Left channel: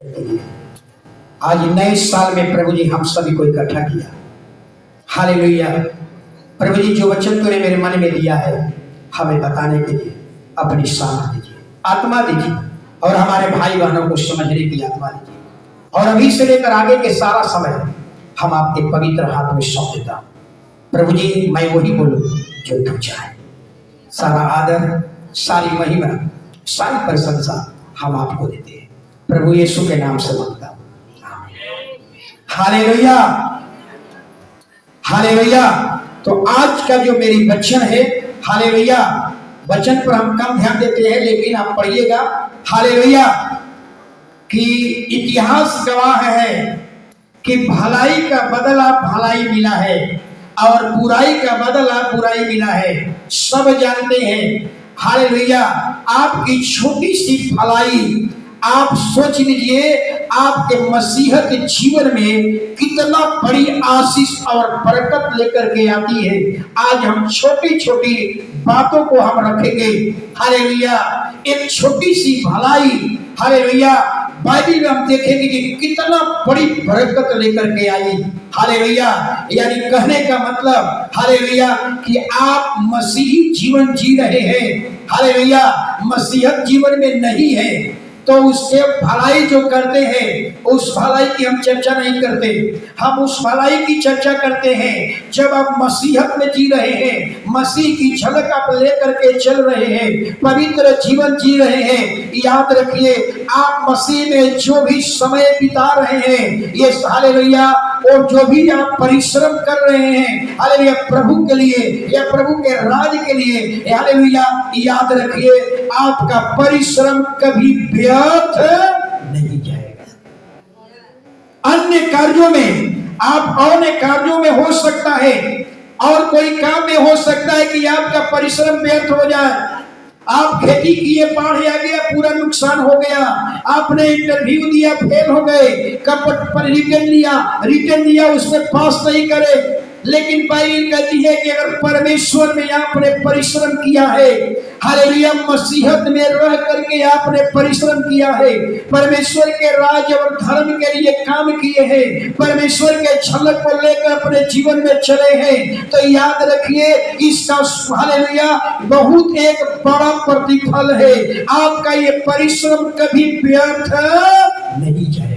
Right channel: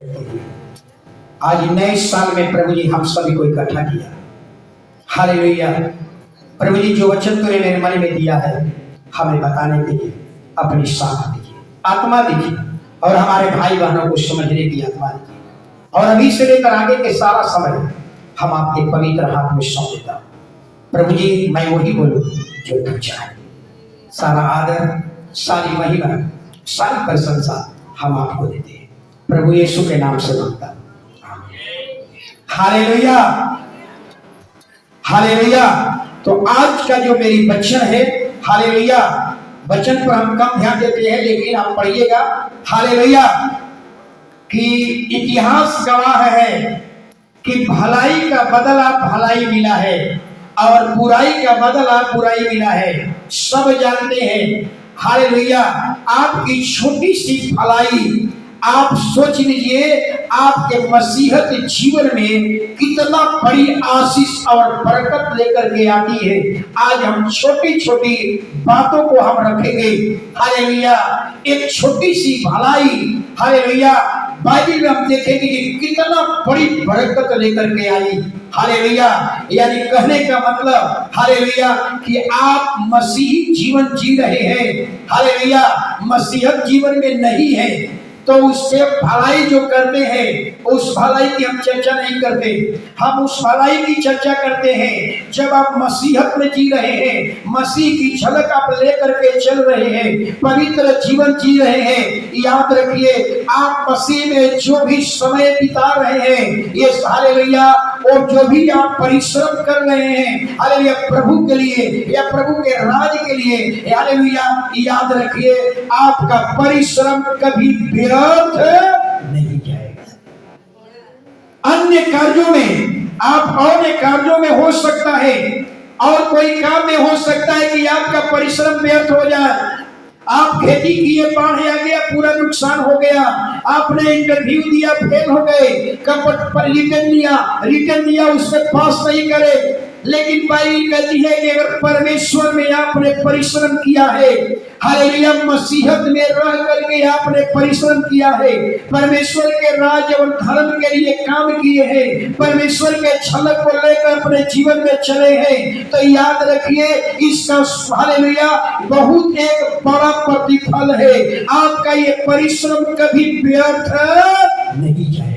आज नए साल में प्रभु जी हम सभी को इकट्ठा किया। हालेलुया। प्रभु जी जो वचन तूने मेरे मन में दिया है हमें बताने के लिए अपनी सामर्थ दीजिए, आत्मा दीजिए और हमारे भाई बहनों को समझने की आत्मा दीजिए। और अभी से लेकर आगे के सारा समय हम आपके पवित्र हाथ में सौंप देता हूँ। प्रभु जी मैं वही बोलूँ जो तू चाहे। सारा आदर, सारी महिमा, सारी प्रशंसा हम आपको देते हैं। प्रभु यीशु के नाम से मांगता हूँ, हालेलुया हालेलुया। तो आज का जो मेरी वचन है, हालेलुया, वचन पर हम कम ध्यान देते हैं लेकिन आप पढ़िएगा, हालेलुया, कि इतिहास गवाह है कि भलाई का बदला भलाई मिला है और बुराई का बदला बुराई मिला है। सब जानते हैं, हालेलुया, आपकी छोटी सी भलाई आप सोच लीजिए आपके मसीहत जीवन में कितना बड़ी आशीष और बरकत लेकर के आती है। आज हम छोटी छोटी बातों को हम रखेंगे, हालेलुया। एक छोटी सी भलाई, हालेलुया, बाइबल में हम देखेंगे कि कितना बड़ी बरकत लेकर के आई, हालेलुया। यानी कहने का मतलब, हालेलुया, कि आप मसीही जीवन जी रहे हैं, हालेलुया, मसीहत जीवन में नहीं है तो उससे भलाई जो करते हैं उस भलाई की हम चर्चा नहीं करते। हम उस भलाई की चर्चा करते हैं जब आप मसीहत में जी रहे हैं, मसीह की झलक आप लेकर के चल रहे हैं, पवित्र जीवन जी रहे हैं। याद रखिए आप मसीह में जो भी समय बिता रहे हैं, ये हालेलुया, और जो भी आप परिश्रम कर रहे हैं, हालेलुया, प्रभु के लिए या प्रभु के राज के लिए, हालेलुया, याद रखिए आपका परिश्रम कभी व्यर्थ नहीं जाएगा। अन्य कार्यों में आप अन्य कार्यों में हो सकता है और कोई काम में हो सकता है कि आपका परिश्रम व्यर्थ हो जाए। आप खेती किए, बाढ़ आ गया, पूरा नुकसान हो गया, आपने इंटरव्यू दिया, फेल हो गए, कपट पर रिटर्न दिया उसमें पास नहीं करे। लेकिन बाइबल कहती है कि अगर परमेश्वर में आपने परिश्रम किया है, हालेलुया, मसीहत में रह करके आपने परिश्रम किया है, परमेश्वर के राज्य और धर्म के लिए काम किए हैं, परमेश्वर के झलक को लेकर अपने जीवन में चले हैं, तो याद रखिए इसका, हालेलुया, बहुत एक बड़ा प्रतिफल है। आपका ये परिश्रम कभी व्यर्थ नहीं जाएगा।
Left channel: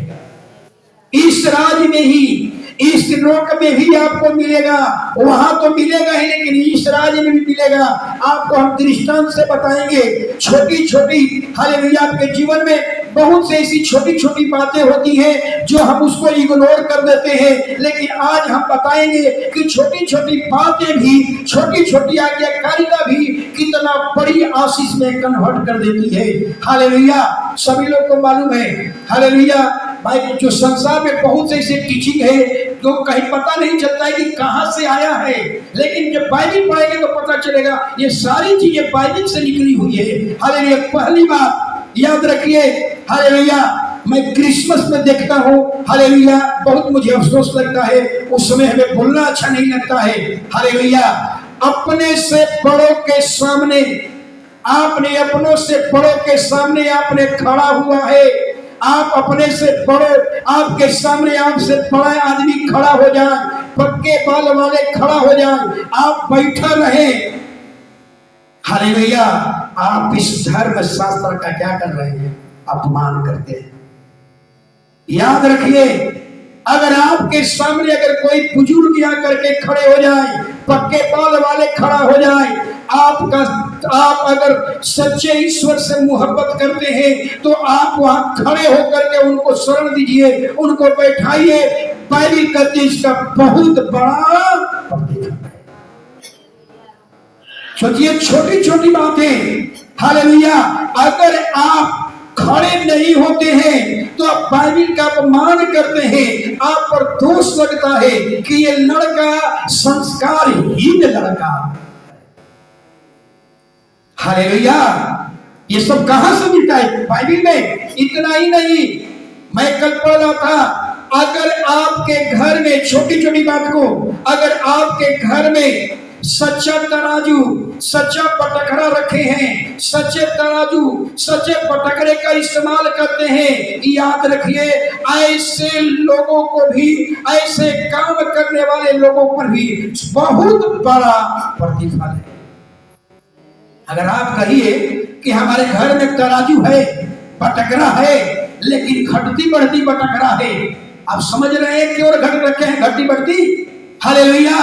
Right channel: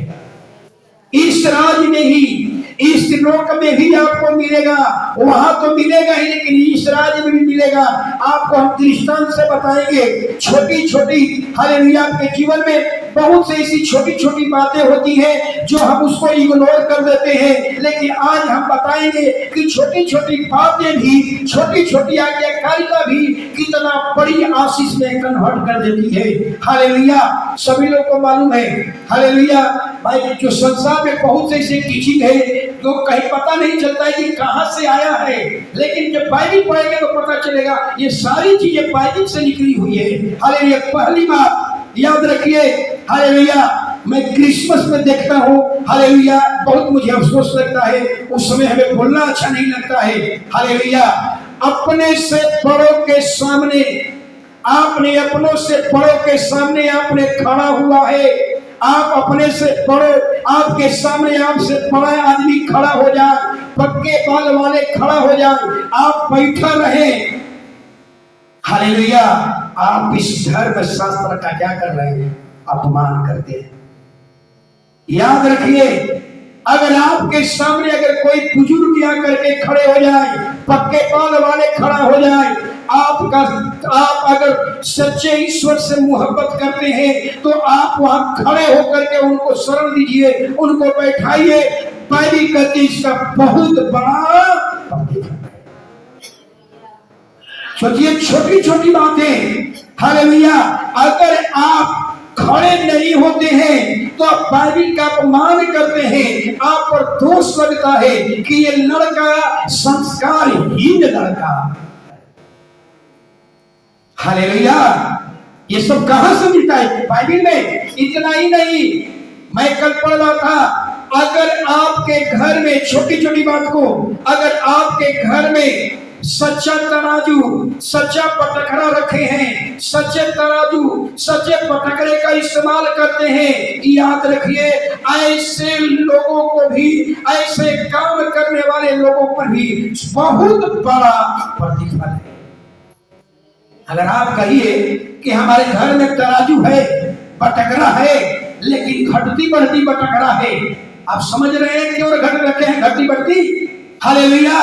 इस राज्य में ही, इस लोक में भी आपको मिलेगा, वहां तो मिलेगा ही लेकिन इस राज्य में भी मिलेगा। आपको हम दृष्टांत से बताएंगे। छोटी छोटी, हालेलुया, आपके जीवन में बहुत से ऐसी छोटी छोटी बातें होती हैं जो हम उसको इग्नोर कर देते हैं, लेकिन आज हम बताएंगे कि छोटी छोटी बातें भी, छोटी छोटी आज्ञाकारिता भी कितना बड़ी आशीष में कन्वर्ट कर देती है। हालेलुया, सभी लोग को मालूम है, हालेलुया, भाई, जो संसार में बहुत से ऐसे टीचिंग है जो कहीं पता नहीं चलता है कि कहां से आया है, लेकिन जब बाइबल पढ़ेंगे तो पता चलेगा ये सारी चीजें बाइबल से निकली हुई है। हालेलुया, पहली बात याद रखिए, हालेलुया, मैं क्रिसमस में देखता हूँ, हालेलुया, बहुत मुझे अफसोस लगता है, उस समय हमें बोलना अच्छा नहीं लगता है, हालेलुया, अपने से बड़ों के सामने, आपने अपनों से बड़ों के सामने आपने खड़ा हुआ है। आप अपने से बड़े, आपके सामने आपसे बड़ा आदमी खड़ा हो जाए, पक्के बाल वाले खड़ा हो जाए, आप बैठा रहे, हालेलुया, आप इस धर्म शास्त्र का क्या कर रहे हैं? अपमान करते हैं। याद रखिए, अगर आपके सामने अगर कोई बुजुर्ग आकर के खड़े हो जाए, पक्के बाल वाले खड़ा हो जाए, आप अगर सच्चे ईश्वर से मोहब्बत करते हैं तो आप वहां खड़े होकर के उनको शरण दीजिए, उनको बैठाइए। बाइबल कहती है इसका बहुत बड़ा प्रतिफल है। सोचिए, छोटी छोटी बातें, हालेलुया, अगर आप खड़े नहीं होते हैं तो आप बाइबल का अपमान करते हैं, आप पर दोष लगता है कि ये लड़का संस्कारहीन लड़का। हालेलुया, ये सब कहां से मिलता है? बाइबल में। इतना ही नहीं, मैं कल पढ़ रहा था, अगर आपके घर में छोटी छोटी बात को, अगर आपके घर में सच्चा तराजू, सच्चा पटखरा रखे हैं, सच्चे तराजू, सच्चे पटखरे का इस्तेमाल करते हैं। याद रखिए, ऐसे लोगों को भी, ऐसे काम करने वाले लोगों पर भी बहुत बड़ा प्रतिफल है। अगर आप कहिए कि हमारे घर में तराजू है, पटखरा है, लेकिन घटती बढ़ती पटखरा है, आप समझ रहे हैं क्यों घट रखे हैं घटती बढ़ती? हालेलुया।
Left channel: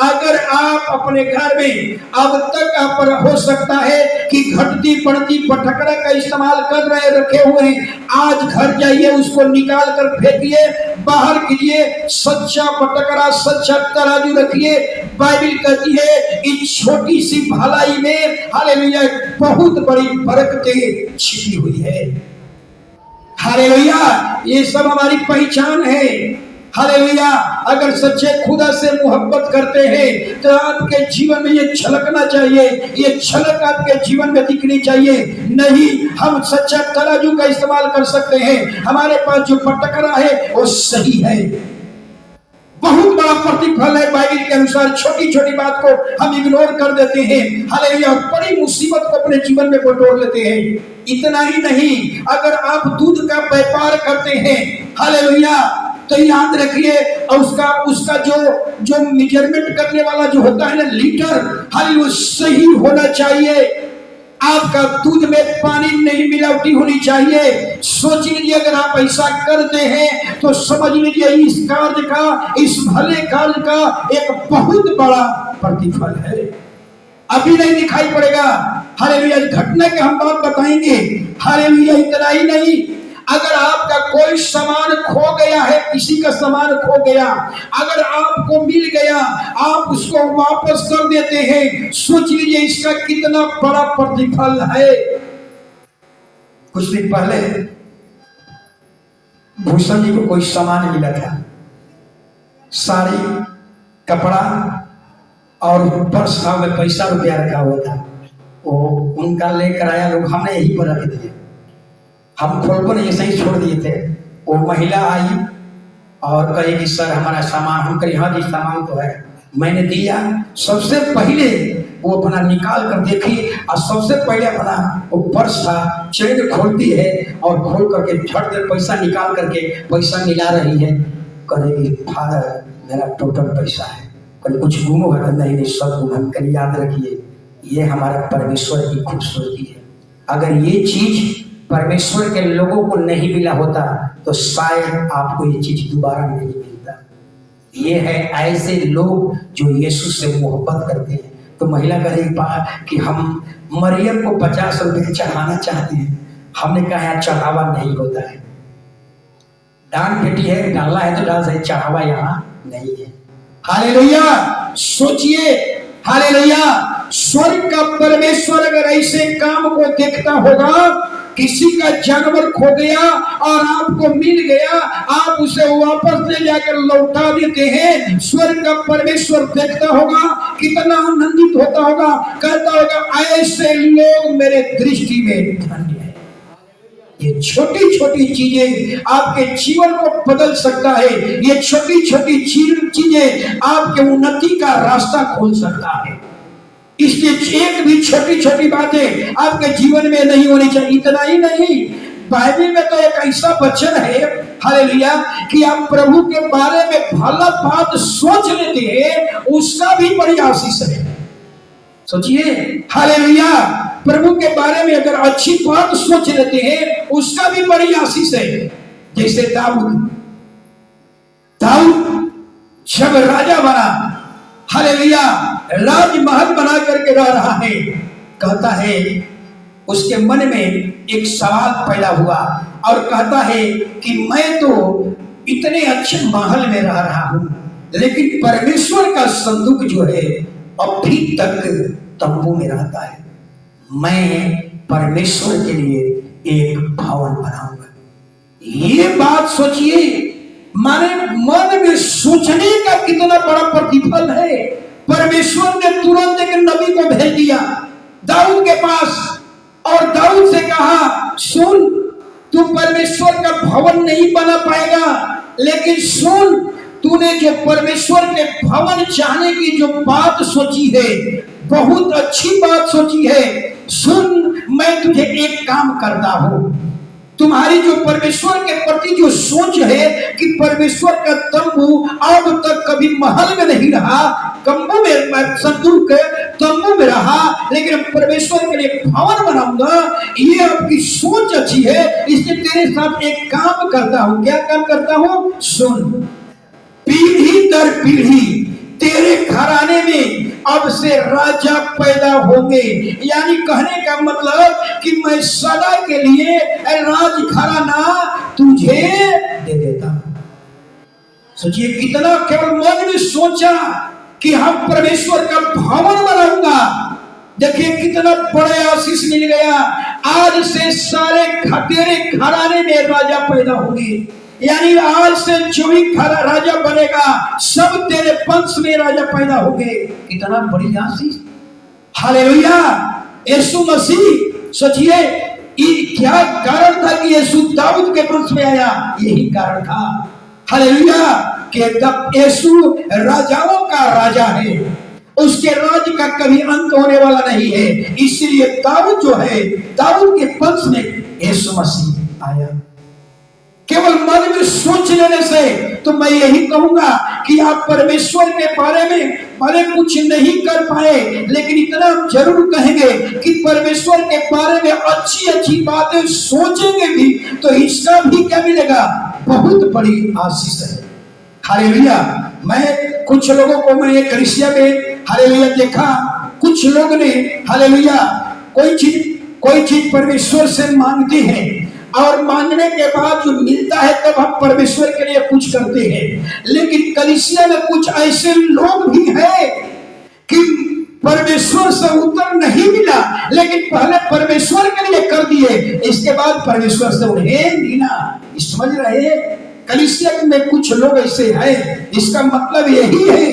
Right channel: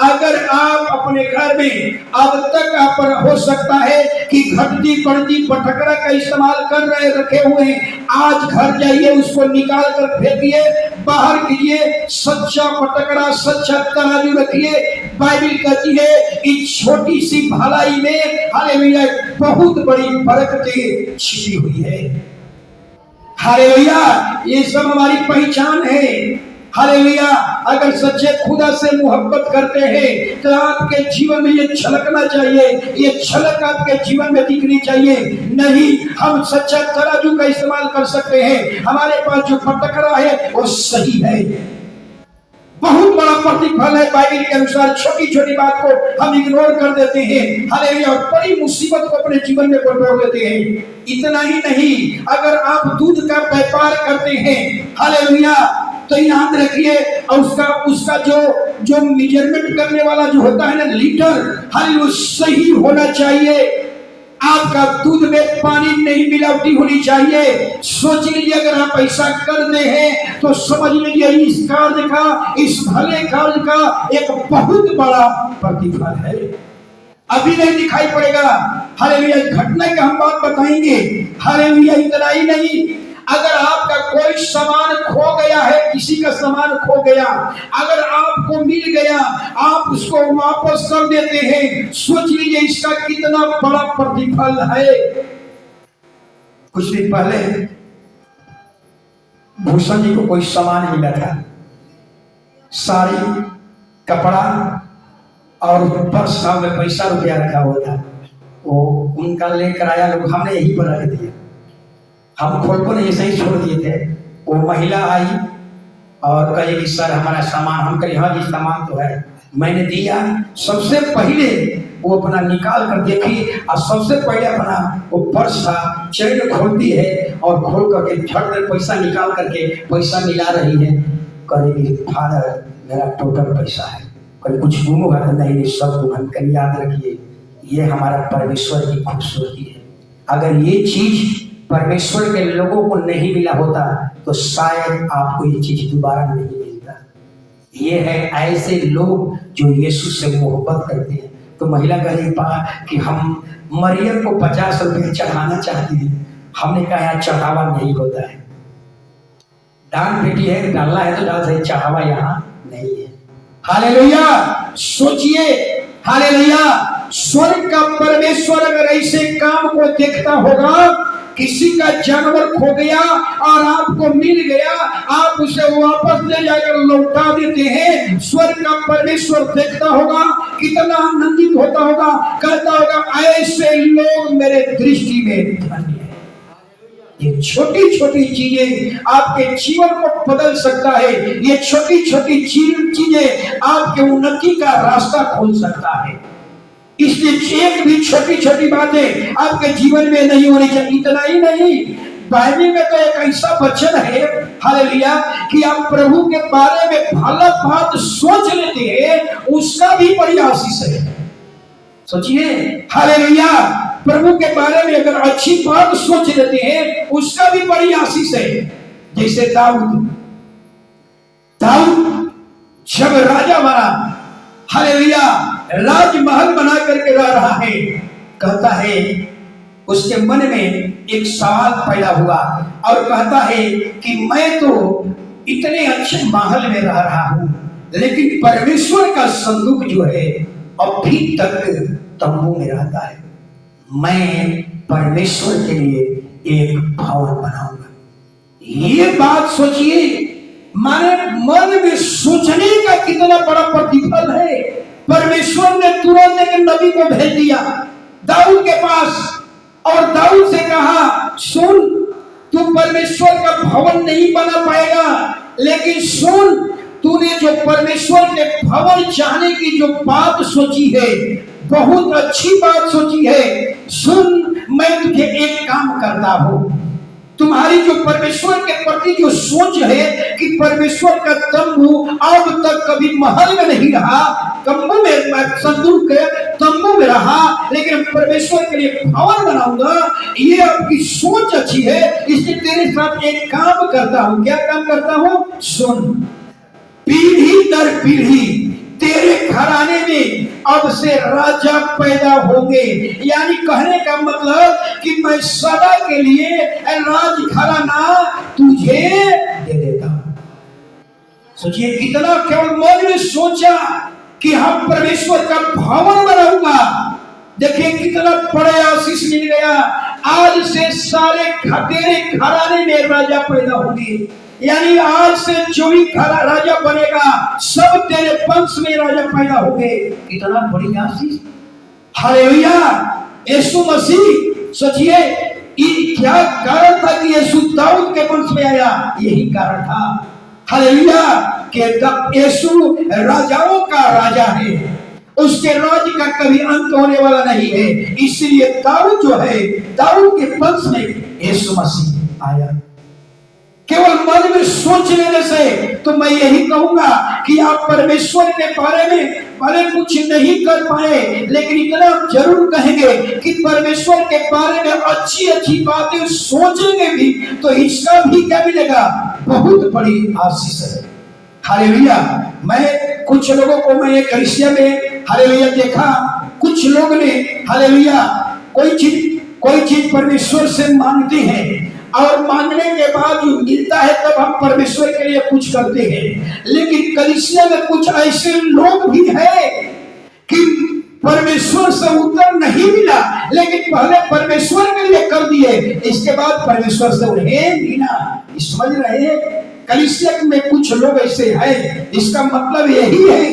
अगर आप अपने घर में अब तक आप हो सकता है कि घटती बढ़ती पटखरा का इस्तेमाल कर रहे रखे हुए हैं, आज घर जाइए, उसको निकाल कर फेंकिए, बाहर कीजिए, सच्चा पटखरा, सच्चा तराजू रखिए। बाइबल कहती है इस छोटी सी भलाई में, हालेलुया, बहुत बड़ी बरकतें छिपी हुई है। हालेलुया, ये सब हमारी पहचान है। हालेलुया, अगर सच्चे खुदा से मोहब्बत करते हैं तो आपके जीवन में ये छलकना चाहिए, ये छलक आपके जीवन में दिखनी चाहिए। नहीं, हम सच्चा तराजू का इस्तेमाल कर सकते हैं, हमारे पास जो पटखरा है वो सही है, बहुत बड़ा प्रतिफल है। बाइबल के अनुसार छोटी छोटी बात को हम इग्नोर कर देते हैं, हालेलुया, बड़ी मुसीबत को अपने जीवन में बटोर लेते हैं। इतना ही नहीं, अगर आप दूध का व्यापार करते हैं, हालेलुया, तो याद रखिए, उसका जो मेजरमेंट करने वाला जो होता है ना, लीटर, हालेलुया, सही होना चाहिए। आपका दूध में पानी नहीं मिलावटी होनी चाहिए। सोच लीजिए, अगर आप ऐसा करते हैं तो समझ लीजिए इस कार्य का, इस भले कार्य का एक बहुत बड़ा प्रतिफल है। अभी नहीं दिखाई पड़ेगा, हालेलुया, घटना के हम बात बताएंगे। हालेलुया, इतना ही नहीं, अगर आपका कोई सामान खो गया है, किसी का सामान खो गया, अगर आपको मिल गया, आप उसको वापस कर देते हैं, सोच लीजिए इसका कितना बड़ा प्रतिफल है। कुछ दिन पहले भूषण जी को कोई सामान मिला था, साड़ी, कपड़ा और पर्स में पैसा रुपया रखा हुआ था। वो उनका लेकर आया लोग, हमने यही पर रख दिए, हम खोल को नहीं ऐसे ही छोड़ दिए थे। वो महिला आई और कही कि सर हमारा सामान, हम कहे हाँ जी सामान तो है, मैंने दिया। सबसे पहले वो अपना निकाल कर देखी और सबसे पहले अपना वो पर्स था, चैन खोलती है और खोल करके झट दे पैसा निकाल करके पैसा मिला रही है। कहेगी फादर मेरा टोटल पैसा है। कहीं कुछ गुम हुआ था? नहीं, सब गुम। हम कहीं याद रखिए, ये हमारा परमेश्वर की खूबसूरती है। अगर ये चीज परमेश्वर के लोगों को नहीं मिला होता तो शायद आपको ये चीज दोबारा नहीं मिलता। ये है ऐसे लोग जो यीशु से मोहब्बत करते हैं। तो महिला कह रही कि हम मरियम को 50 रुपये चढ़ाना चाहते हैं। हमने कहा यहाँ चढ़ावा नहीं होता है, दान पेटी है, डालना है तो डाल सकते, चढ़ावा यहाँ नहीं है। हालेलुया, सोचिए, हालेलुया, स्वर्ग का परमेश्वर अगर ऐसे काम को देखता होगा, किसी का जानवर खो गया और आपको मिल गया, आप उसे वापस ले जाकर लौटा देते हैं, स्वर्ग का परमेश्वर देखता होगा, कितना आनंदित होता होगा, कहता होगा ऐसे लोग मेरे दृष्टि में धन्य है। ये छोटी छोटी चीजें आपके जीवन को बदल सकता है। ये छोटी छोटी चीजें आपके उन्नति का रास्ता खोल सकता है। इसलिए एक भी छोटी छोटी बातें आपके जीवन में नहीं होनी चाहिए। इतना ही नहीं, बाइबल में तो एक ऐसा वचन है, हालेलुया, कि आप प्रभु के बारे में भला बात सोच लेते हैं, उसका भी बड़ी आशीष है। सोचिए, हालेलुया, प्रभु के बारे में अगर अच्छी बात सोच लेते हैं, उसका भी बड़ी आशीष है। जैसे दाऊद जब राजा बना, हालेलुया, राजमहल बना करके रह रहा है, कहता है उसके मन में एक सवाल पैदा हुआ और कहता है कि मैं तो इतने अच्छे महल में रह रहा हूं, लेकिन परमेश्वर का संदूक जो है अभी तक तंबू में रहता है। मैं परमेश्वर के लिए एक भवन बनाऊंगा। ये बात सोचिए, माने मन में सोचने का कितना बड़ा प्रतिफल है। परमेश्वर ने तुरंत एक नबी को भेज दिया दाऊद के पास और दाऊद से कहा, सुन, तू परमेश्वर का भवन नहीं बना पाएगा, लेकिन सुन, तूने जो परमेश्वर के भवन चाहने की जो बात सोची है, बहुत अच्छी बात सोची है। सुन, मैं तुझे एक काम करता हूं। तुम्हारी जो परमेश्वर के प्रति जो सोच है कि परमेश्वर का तंबू अब तक कभी महल में नहीं रहा, तंबू में, संदूक तंबू में रहा, लेकिन परमेश्वर के लिए भवन बनाऊंगा, ये आपकी सोच अच्छी है, इसलिए तेरे साथ एक काम करता हूं। क्या काम करता हूं? सुन, पीढ़ी दर पीढ़ी तेरे घराने में अब से राजा पैदा होंगे। यानी कहने का मतलब कि मैं सदा के लिए राज घराना तुझे दे देता हूं। सोचिए कितना, केवल मन में सोचा कि हम परमेश्वर का भवन बनाऊंगा, देखिए कितना बड़ा आशीष मिल गया। आज से सारे तेरे घराने में राजा पैदा होंगे। यानी आज से जो भी राजा बनेगा, सब तेरे वंश में राजा पैदा होंगे। कितना बड़ी आशीष! हालेलुया! यीशु मसीह, सोचिए क्या कारण था कि यीशु दाऊद के वंश में आया? यही कारण था। हालेलुया! कि यीशु राजाओं का राजा है, उसके राज का कभी अंत होने वाला नहीं है। इसलिए दाऊद जो है, दाऊद के वंश में यीशु मसीह आया। केवल मन में सोच लेने से तो मैं यही कहूंगा कि आप परमेश्वर के बारे में भले कुछ नहीं कर पाए, लेकिन इतना जरूर कहेंगे कि परमेश्वर के बारे में अच्छी अच्छी बातें सोचेंगे भी तो इसका भी क्या मिलेगा? बहुत बड़ी आशीष है। हालेलुया! मैं कुछ लोगों को, मैं एक कलीसिया में हालेलुया देखा, कुछ लोग ने हालेलुया कोई चीज परमेश्वर से मांगते हैं और मांगने के बाद जो मिलता है तब हम परमेश्वर के लिए कुछ करते हैं। लेकिन कलीसिया में कुछ ऐसे लोग भी हैं कि परमेश्वर से उत्तर नहीं मिला, लेकिन पहले परमेश्वर के लिए कर दिए, इसके बाद परमेश्वर से उन्हें मिला। समझ रहे हैं? कलीसिया में कुछ लोग ऐसे हैं। इसका मतलब यही है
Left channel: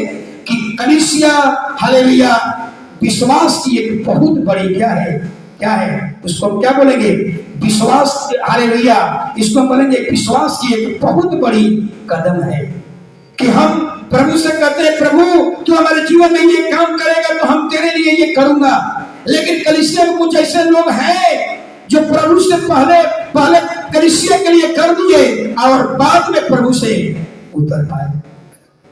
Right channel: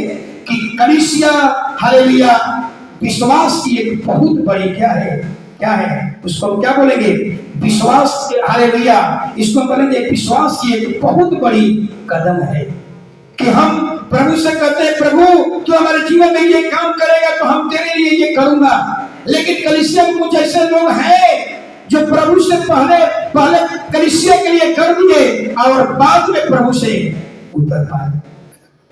कि कलीसिया हालेलुया विश्वास की एक बहुत बड़ी क्या है उसको क्या बोलेंगे? विश्वास। हालेलुया! इसको बोलेंगे विश्वास की एक बहुत बड़ी कदम है कि हम प्रभु से कहते हैं, प्रभु तू हमारे जीवन में ये काम करेगा तो हम तेरे लिए ये करूंगा। लेकिन कलीसिया में कुछ ऐसे लोग हैं जो प्रभु से पहले कलीसिया के लिए कर दिए और बाद में प्रभु से उतर पाए।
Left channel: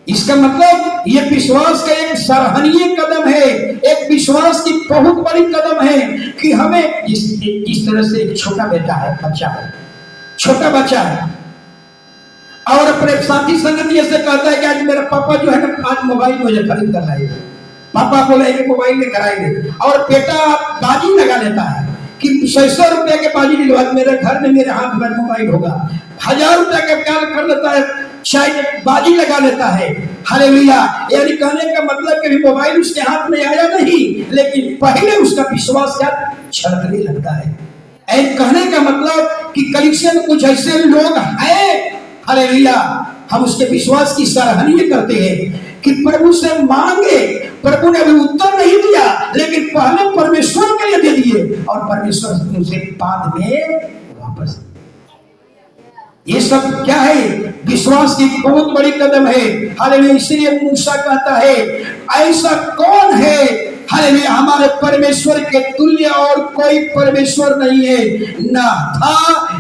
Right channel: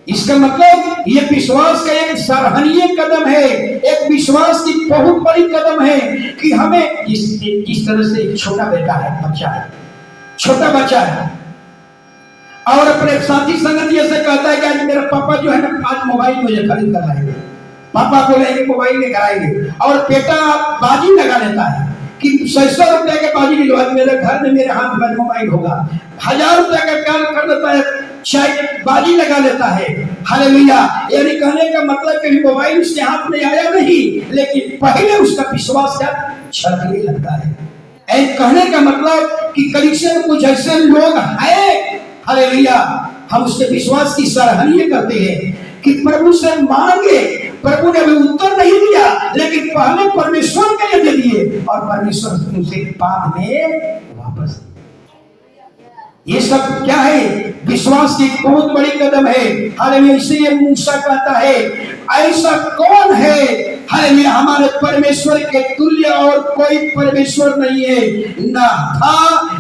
इसका मतलब ये विश्वास का एक सराहनीय कदम है, एक विश्वास की बहुत बड़ी कदम है कि हमें इस तरह से एक छोटा बच्चा है और अपने साथी संगति से कहता है कि आज मेरा पापा जो है ना, आज मोबाइल मुझे खरीद कर लाएंगे, पापा को लेंगे मोबाइल में कराएंगे, और बेटा बाजी लगा लेता है कि 600 रुपया के बाजी दिलवा, मेरे घर में मेरे हाथ में मोबाइल होगा। 1000 रुपया का प्यार कर लेता है, शायद बाजी लगा लेता है। हालेलुया! यानी कहने का मतलब कि मोबाइल उसके हाथ में आया नहीं, लेकिन पहले उसका विश्वास क्या छलकने लगता है। कहने का मतलब कि कलीसिया में कुछ ऐसे लोग हैं, हालेलुया, हम उसके विश्वास की सराहनीय करते हैं कि प्रभु से मांगे, प्रभु ने भी उत्तर नहीं दिया, लेकिन पहले परमेश्वर के लिए दे दिए और परमेश्वर उसे बाद में वापस। ये सब क्या है? विश्वास की बहुत बड़ी कदम है। हालेलुया! इसलिए मूसा कहता है, ऐसा कौन है हालेलुया हमारे परमेश्वर के तुल्य और कोई परमेश्वर नहीं है, न था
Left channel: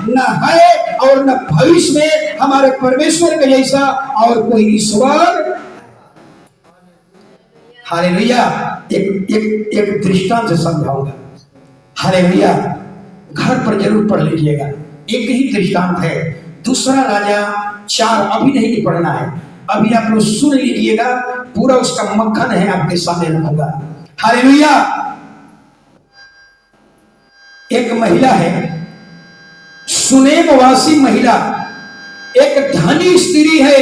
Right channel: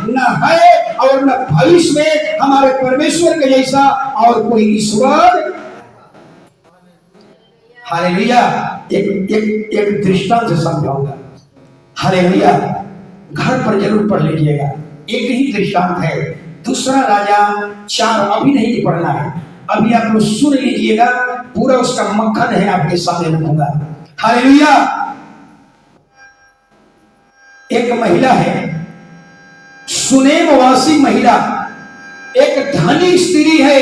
न है और न भविष्य में हमारे परमेश्वर के जैसा और कोई ईश्वर। हालेलुया! एक दृष्टांत से समझाऊंगा। हालेलुया! घर पर जरूर पढ़ लीजिएगा। एक ही दृष्टांत है, दूसरा राजा 4, अभी नहीं पढ़ना है, अभी आप लोग सुन लीजिएगा, पूरा उसका मक्खन है आपके सामने रखूंगा। हालेलुया! एक महिला है, सुनेमवासी महिला, एक धनी स्त्री है,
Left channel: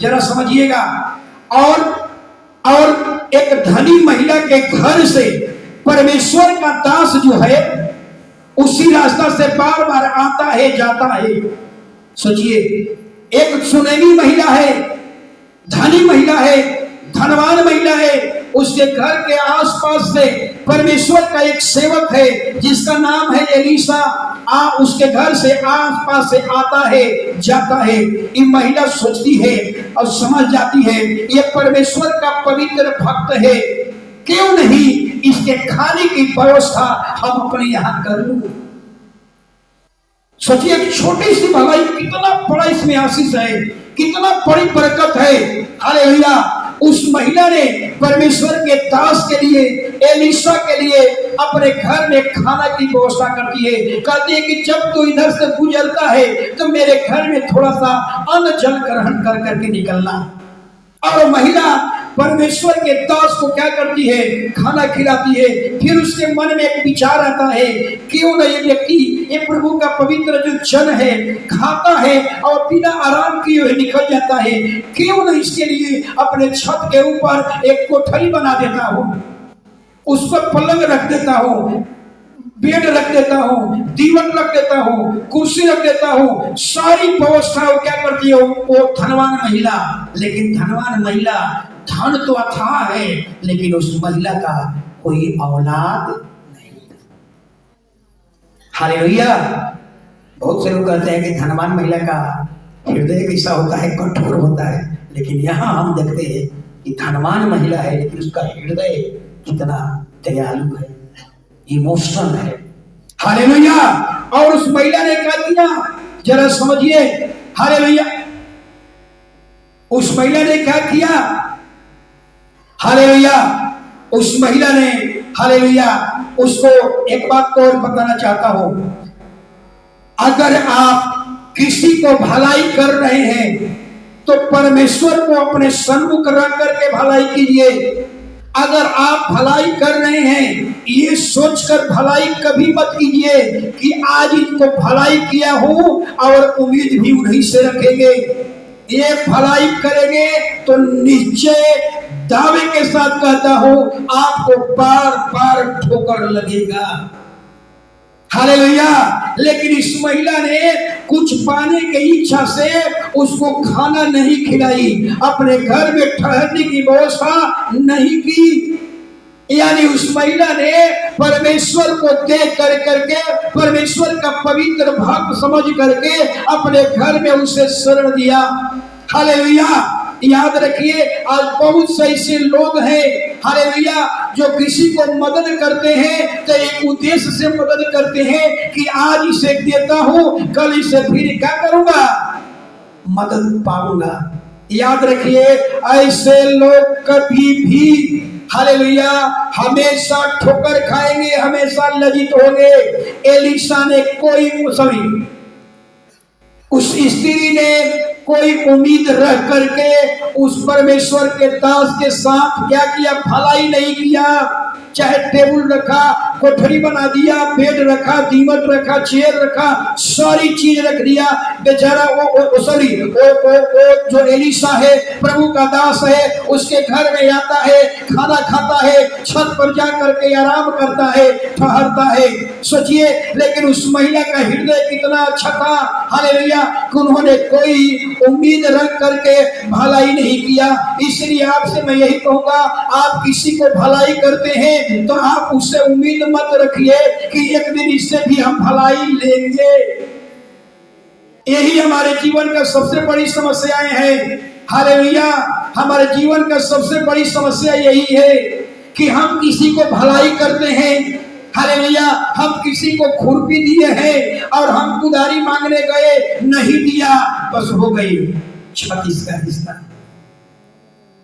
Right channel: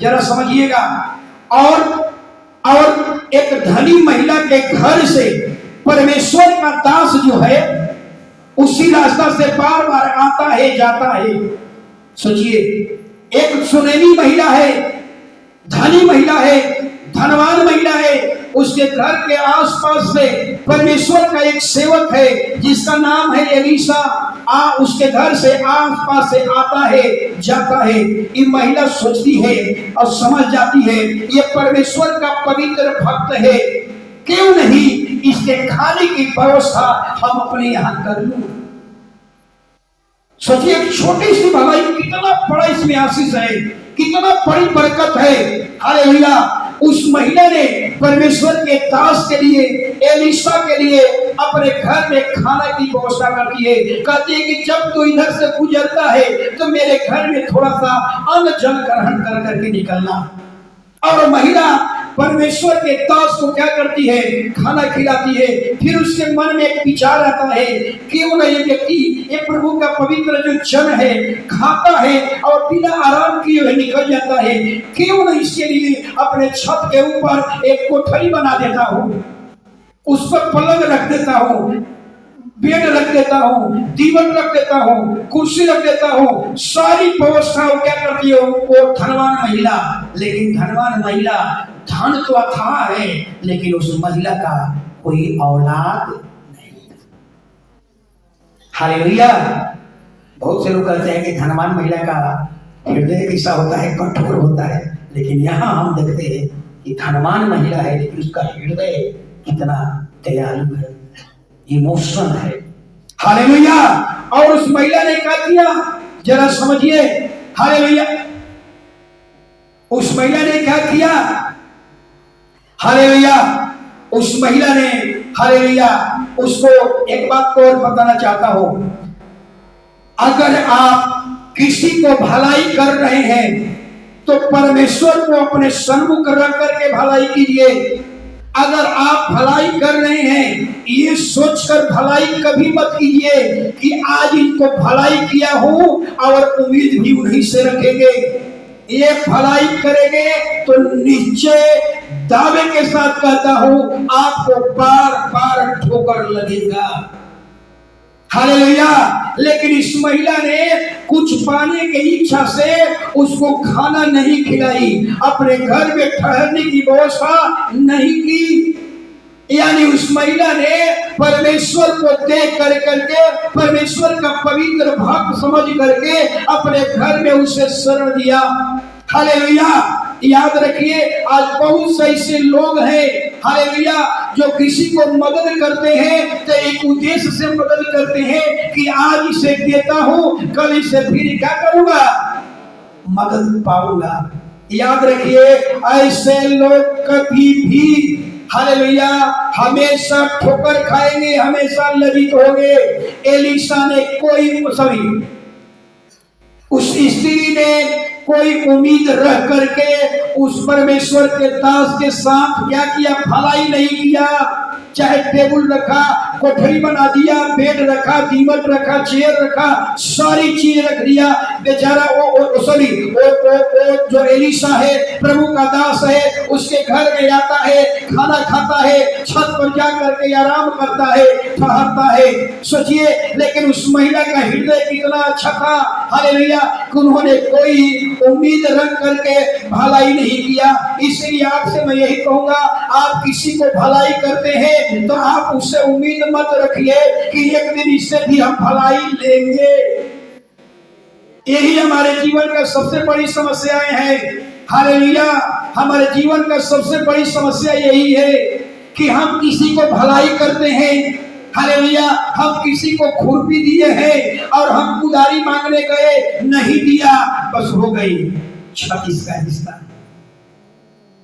जरा समझिएगा, और एक धनी महिला के घर से परमेश्वर का दास जो है उसी रास्ता से बार बार आता है जाता है। सोचिए, एक सुनेमी महिला है, धनी महिला है, धनवान महिला है, उसके घर के आसपास से परमेश्वर का एक सेवक है जिसका नाम है एलीशा, उसके घर से आस पास से आता है जाता है, ये महिला सोचती है और समझ जाती है ये परमेश्वर का पवित्र भक्त है, क्यों नहीं इसके खाने की व्यवस्था हम अपने यहां कर लूं। सोचिए एक छोटी सी भलाई कितना बड़ा इसमें आशीष है, कितना बड़ी बरकत है। हालेलुया। उस महिला ने परमेश्वर के दास के लिए, एलीशा के लिए अपने घर में खाना की व्यवस्था करती है। कहती है कि जब तू इधर से गुजरता है तो मेरे घर में थोड़ा सा अन्न जल ग्रहण कर करके निकलना। और महिला परमेश्वर के दास को क्या करती है, खाना खिलाती है। फिर उसके मन में एक विचार आता है, क्यों न ये व्यक्ति, ये प्रभु का पवित्र जो जन है, खाता है और बिना आराम किए हुए निकल जाता है, क्यों न इसके लिए अपने छत के ऊपर एक कोठरी बना देता हूँ, उस पर पलंग रख देता हूँ, बेड रख देता हूँ, दीवन रख देता हूँ, कुर्सी रख देता हूँ। सारी व्यवस्था क्या करती है वो धनवान महिला। लेकिन धनवान महिला, धन तो अथाह है लेकिन उस महिला का कोई औलाद नहीं। हालेलुया। बहुत से लोग कहते हैं कि धनवान महिला का हृदय कैसा होता है, कठोर होता है, लेकिन यहाँ हम देखते हैं कि धनवान महिला है लेकिन उसका हृदय कितना दयालु है, इमोशनल है। हालेलुया। और उस महिला ने क्या किया जरा समझिए। हालेलुया। उस महिला ने क्या किया, हालेलुया। उस महिला ने, हालेलुया, उसको एक बात को और बताना चाहता हूं, अगर आप किसी को भलाई कर रहे हैं तो परमेश्वर को अपने सन्मुख रख करके भलाई कीजिए। अगर आप भलाई कर रहे हैं ये सोचकर भलाई कभी मत कीजिए कि आज इनको भलाई किया हूं और उम्मीद भी उन्हीं से रखेंगे। ये भलाई करेंगे तो निश्चय दावे के साथ कहता हूं आपको बार बार ठोकर लगेगा। हालेलुया। लेकिन इस महिला ने कुछ पाने की इच्छा से उसको खाना नहीं खिलाई, अपने घर में ठहरने की व्यवस्था नहीं की। यानी उस महिला ने परमेश्वर को देख कर करके, परमेश्वर का पवित्र भक्त समझ करके अपने घर में उसे शरण दिया। हालेलुया। याद रखिए आज बहुत से ऐसे लोग हैं, हालेलुया, जो किसी को मदद करते हैं तो एक उद्देश्य से मदद करते हैं कि आज इसे देता हूं कल इसे फिर क्या करूंगा, मदद पाऊंगा। याद रखिए ऐसे लोग कभी भी, हालेलुया, हमेशा ठोकर खाएंगे, हमेशा लज्जित होंगे। एलीशा ने उस स्त्री ने कोई उम्मीद रख करके उस परमेश्वर के दास के साथ क्या किया, भलाई नहीं किया। चाहे टेबल रखा, कोठरी बना दिया, बेड रखा, दीमक रखा, चेयर रखा, सारी चीज रख दिया। बेचारा वो जो एलीशा है, प्रभु का दास है, उसके घर में आता है, खाना खाता है, छत पर जा करके आराम करता है, ठहरता है। सोचिए, लेकिन उस महिला का हृदय कितना अच्छा था, हालेलुया, कि उन्होंने कोई उम्मीद रख करके भलाई नहीं किया। इसलिए आपसे मैं यही कहूंगा, आप किसी को भलाई करते हैं तो आप उससे उम्मीद मत रखिए कि एक दिन इससे भी हम भलाई लेंगे। यही हमारे जीवन का सबसे बड़ी समस्याएं हैं। हालेलुया। हमारे जीवन का सबसे बड़ी समस्या यही है कि हम किसी को भलाई करते हैं, हालेलुया, हम किसी को खुरपी दिए हैं और हम कुदारी मांगने गए, नहीं दिया, बस हो गई, छत इसका हिस्सा।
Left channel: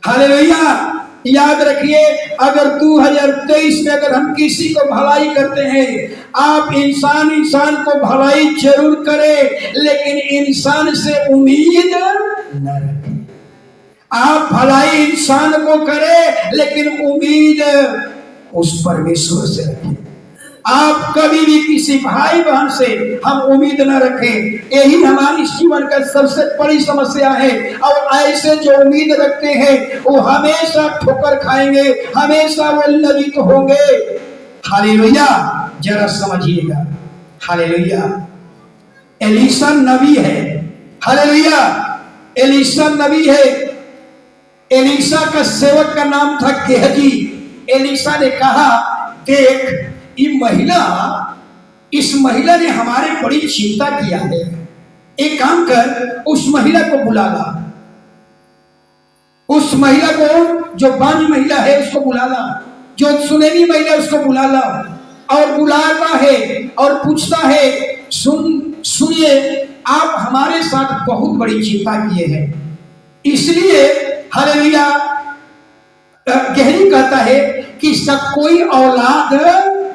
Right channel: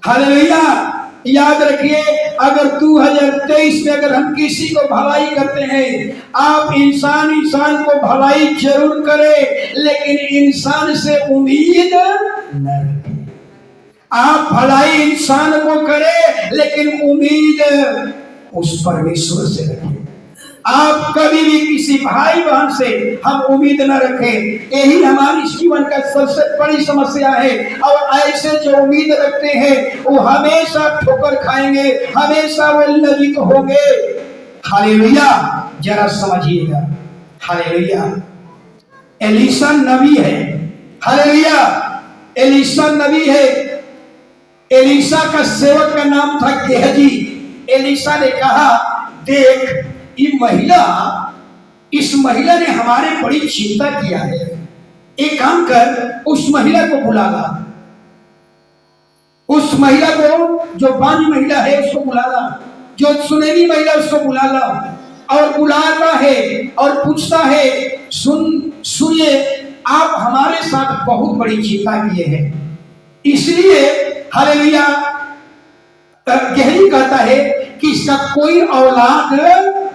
हालेलुया। याद रखिए, अगर 2023 में अगर हम किसी को भलाई करते हैं, आप इंसान को भलाई जरूर करें, लेकिन इंसान से उम्मीद न रखें। आप भलाई इंसान को करें लेकिन उम्मीद उस परमेश्वर से रखें। आप कभी भी किसी भाई बहन से हम उम्मीद न रखें। यही हमारी जीवन का सबसे बड़ी समस्या है। और ऐसे जो उम्मीद रखते हैं वो हमेशा ठोकर खाएंगे, हमेशा वो लज्जित होंगे। हालेलुया। जरा समझिएगा, हालेलुया, एलीशा नबी है, हालेलुया, एलीशा नबी है। एलीशा का सेवक का नाम था गेहजी। एलीशा ने कहा, देख ये महिला इस महिला ने हमारी बड़ी चिंता किया है, एक काम कर, उस महिला को बुला ला, उस महिला को जो बांझ महिला है उसको बुला ला, जो सुनेली महिला उसको बुला ला। और बुलाता है और पूछता है, सुनिए, आप हमारे साथ बहुत बड़ी चिंता किए हैं, इसलिए हालेलुया गेहरी कहता है कि इसका कोई औलाद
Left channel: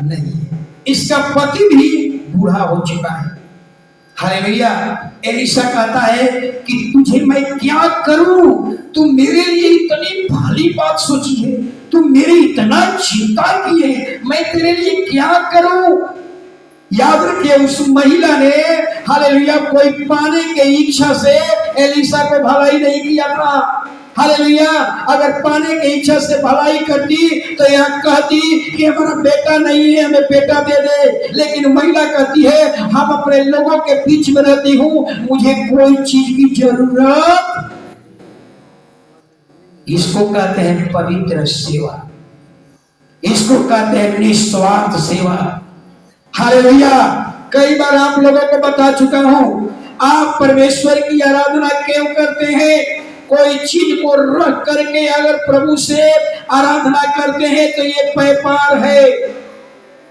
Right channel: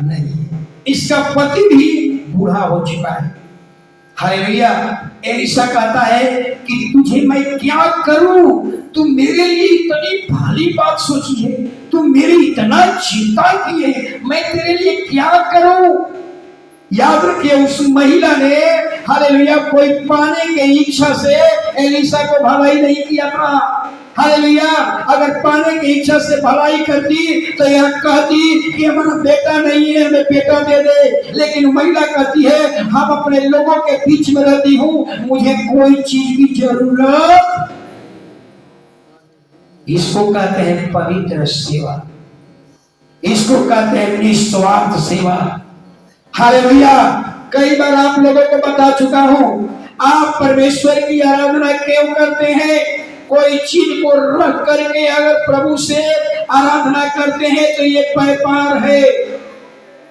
नहीं है, इसका पति भी बूढ़ा हो चुका है। हालेलुया। एलिशा कहता है कि तुझे मैं क्या करूं, तू मेरे लिए इतनी भारी बात सोची है, तू मेरी इतना चिंता की है, मैं तेरे लिए क्या करूं। याद रखिए, उस महिला ने हालेलुया कोई पाने की इच्छा से एलिशा को भलाई नहीं किया था। हालेलुया, अगर पाने की इच्छा से भलाई करती तो यह कहती कि हमारा बेटा नहीं है, हमें बेटा दे दे। लेकिन महिला कहती है, हम अपने लोगों के बीच में रहती हूँ, मुझे कोई चीज की जरूरत। इसको कहते हैं पवित्र सेवा, इसको कहते हैं निस्वार्थ सेवा। हालेलुया। कई बार आप लोगों को बता चुका हूं, आप परमेश्वर की आराधना क्यों करते हैं? कोई चीज को रख करके अगर प्रभु से आराधना करते हैं तो ये व्यापार है।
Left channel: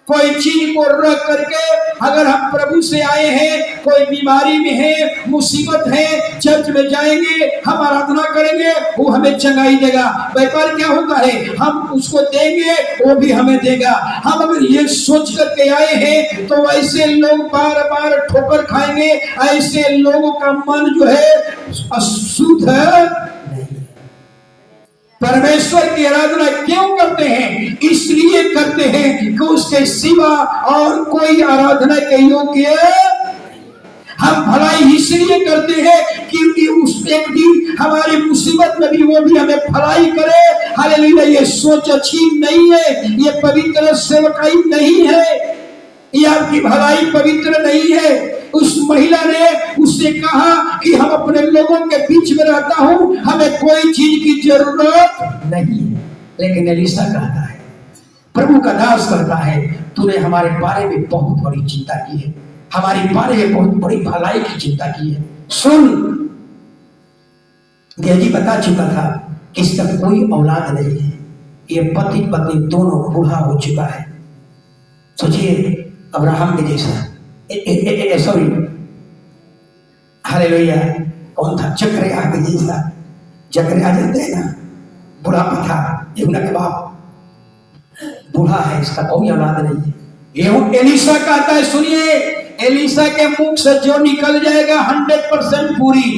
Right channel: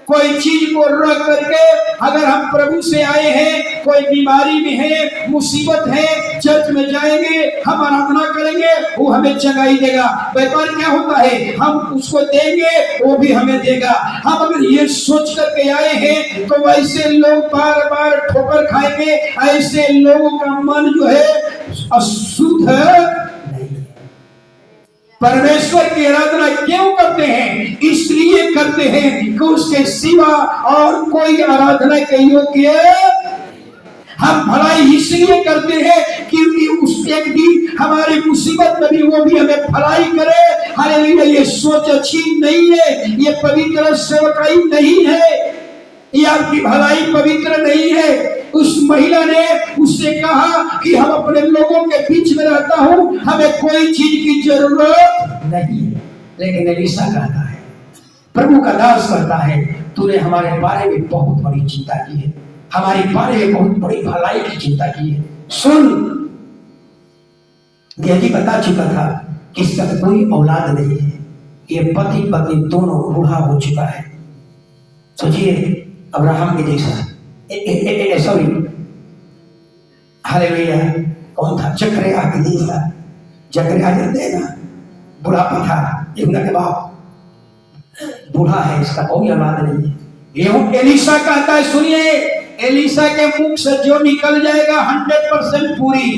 कोई चीज को रख करके अगर हम प्रभु से आए हैं, कोई बीमारी में है, मुसीबत है, चर्च में जाएंगे, हम आराधना करेंगे, वो हमें चंगाई देगा। व्यापार क्या होता है? हम उसको देंगे, वो भी हमें देगा। हम अगर ये सोच करके आए हैं तो वैसे लोग बार बार ठोकर खाएंगे, ऐसे लोगों का मन जो है अशुद्ध नहीं। परमेश्वर की आराधना क्यों करते हैं? इसलिए करते हैं कि उसके सिवा और कोई आराधना के योग्य। हम भलाई इसलिए करते हैं क्योंकि उस एक दिन हमारी मुसीबत में भी वो भी हमें भलाई करे। हालेलुया। ये सोच अच्छी नहीं है, ये पवित्र सेवकाई नहीं है, ये आपकी भलाई पवित्र नहीं है। उस महिला ने उससे कहा कि हम अपने लोगों के बीच में रहता हूं, हमें कोई चीज की जरूरत नहीं। लेकिन एलिशा कहता है, प्रभु का दास कहता है, तूने हमारे बारे में बहुत बड़ी चिंता की है, हमारे बारे में बहुत बड़ी भलाई की चिंता की है। सुन, गेहजी बता चुका था कि इसका कोई औलाद नहीं है, ये पति पत्नी दोनों बूढ़ा हो चुका है। सोचिए, अब्राहम के जैसा, सॉरी हालेलुया, कौन था? जकरिया के जैसा। जकरिया जानते हैं ना, बुढ़ापा था, यूहन्ना के बाप बूढ़ा है, इसका कोई औलाद नहीं है। ये एलिशा कहता है, सुनिए, एलिशा के मुख से जो निकल जाएगा 100% पूरी।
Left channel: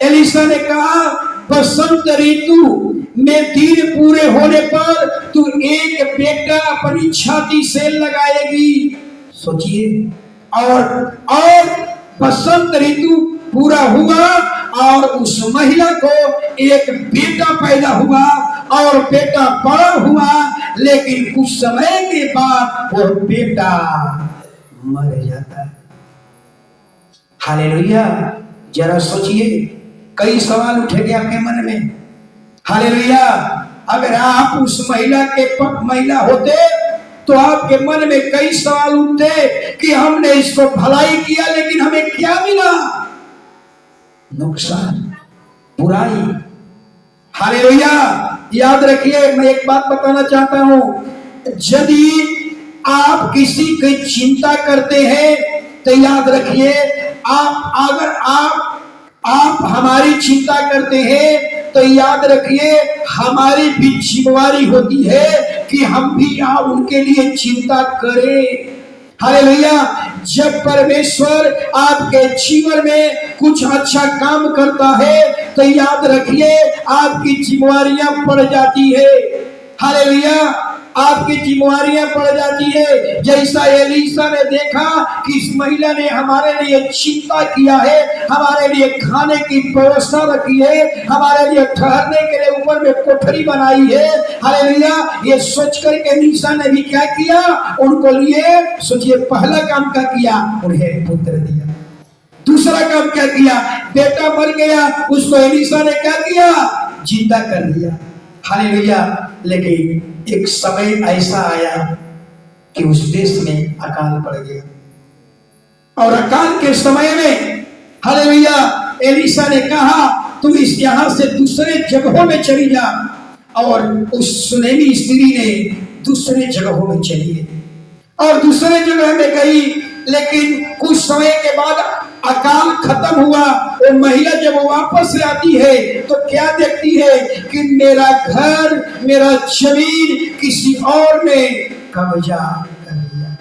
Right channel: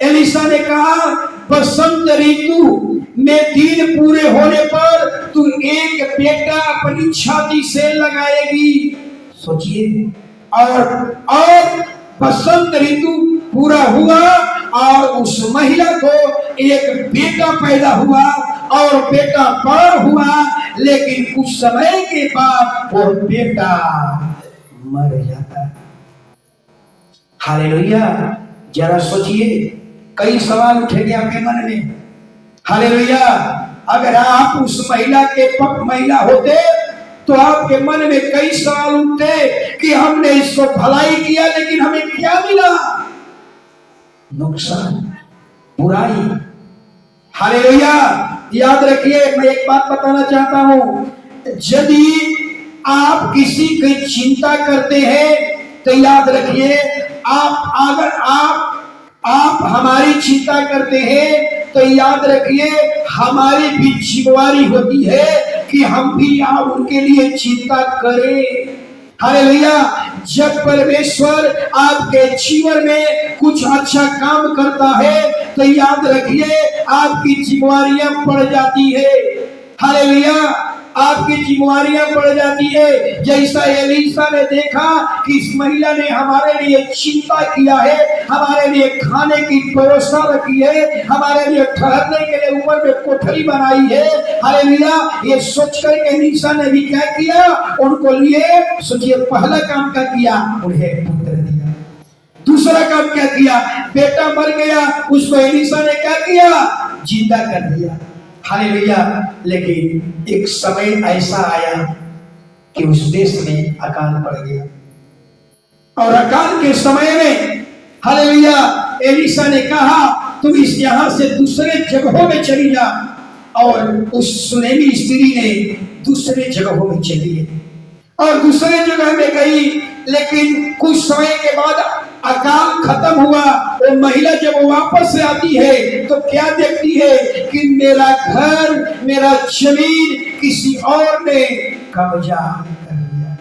एलिशा ने कहा, बसंत ऋतु में दिन पूरे होने पर तू एक बेटा अपनी छाती से लगाएगी। सोचिए, और बसंत ऋतु पूरा हुआ और उस महिला को एक बेटा पैदा हुआ और बेटा बड़ा हुआ, लेकिन कुछ समय के बाद वो बेटा मर जाता है। हालेलुया। जरा सोचिए, कई सवाल उठेंगे आपके मन में। हालेलुया। अगर आप उस महिला के पक्ष महिला होते तो आपके मन में कई सवाल उठते कि हमने इसको भलाई किया लेकिन हमें क्या मिला? नुकसान, बुराई। हालेलुया। याद रखिए, मैं एक बात बताना चाहता हूं, यदि आप किसी की चिंता करते हैं तो याद रखिए, अगर आप हमारी चिंता करते हैं तो याद रखिए, हमारी भी जिम्मेवारी होती है कि हम भी आप उनके लिए चिंता करें। हालेलुया। जब परमेश्वर आपके जीवन में कुछ अच्छा काम करता है तो याद रखिए, आपकी जिम्मेवारियां बढ़ जाती है। हालेलुया। आपकी जिम्मेवारियां बढ़ जाती है। जैसा एलिशा ने देखा कि इस महिला ने हमारे लिए चिंता किया है, हमारे लिए खाने की व्यवस्था रखी है, हमारे लिए ठहरने के लिए ऊपर में कोठरी बनाई है। हालेलुया। ये सोच कर के एलिशा ने भी क्या किया? उनको लिए, सोचिए, पहला काम क्या किया? उन्हें पुत्र दिया। दूसरा काम क्या किया? बेटा मर गया, उसको एलिशा ने क्या किया? जिंदा कर दिया। हालेलुया। लेकिन एक समय ऐसा आया कि उस देश में अकाल पड़ गया। और अकाल के समय में हालेलुया एलीशा ने कहा तू इस यहाँ से दूसरे जगहों में चली जा, और उस सुनेमी स्त्री ने दूसरे जगहों में चली गई और दूसरे जगह में गई। लेकिन कुछ समय के बाद अकाल खत्म हुआ। वो महिला जब वापस से आती है तो क्या देखती है कि मेरा घर, मेरा जमीन किसी और ने कब्जा कर लिया।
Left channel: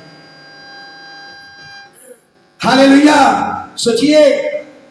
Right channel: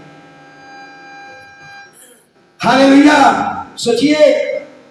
हालेलुया, सोचिए,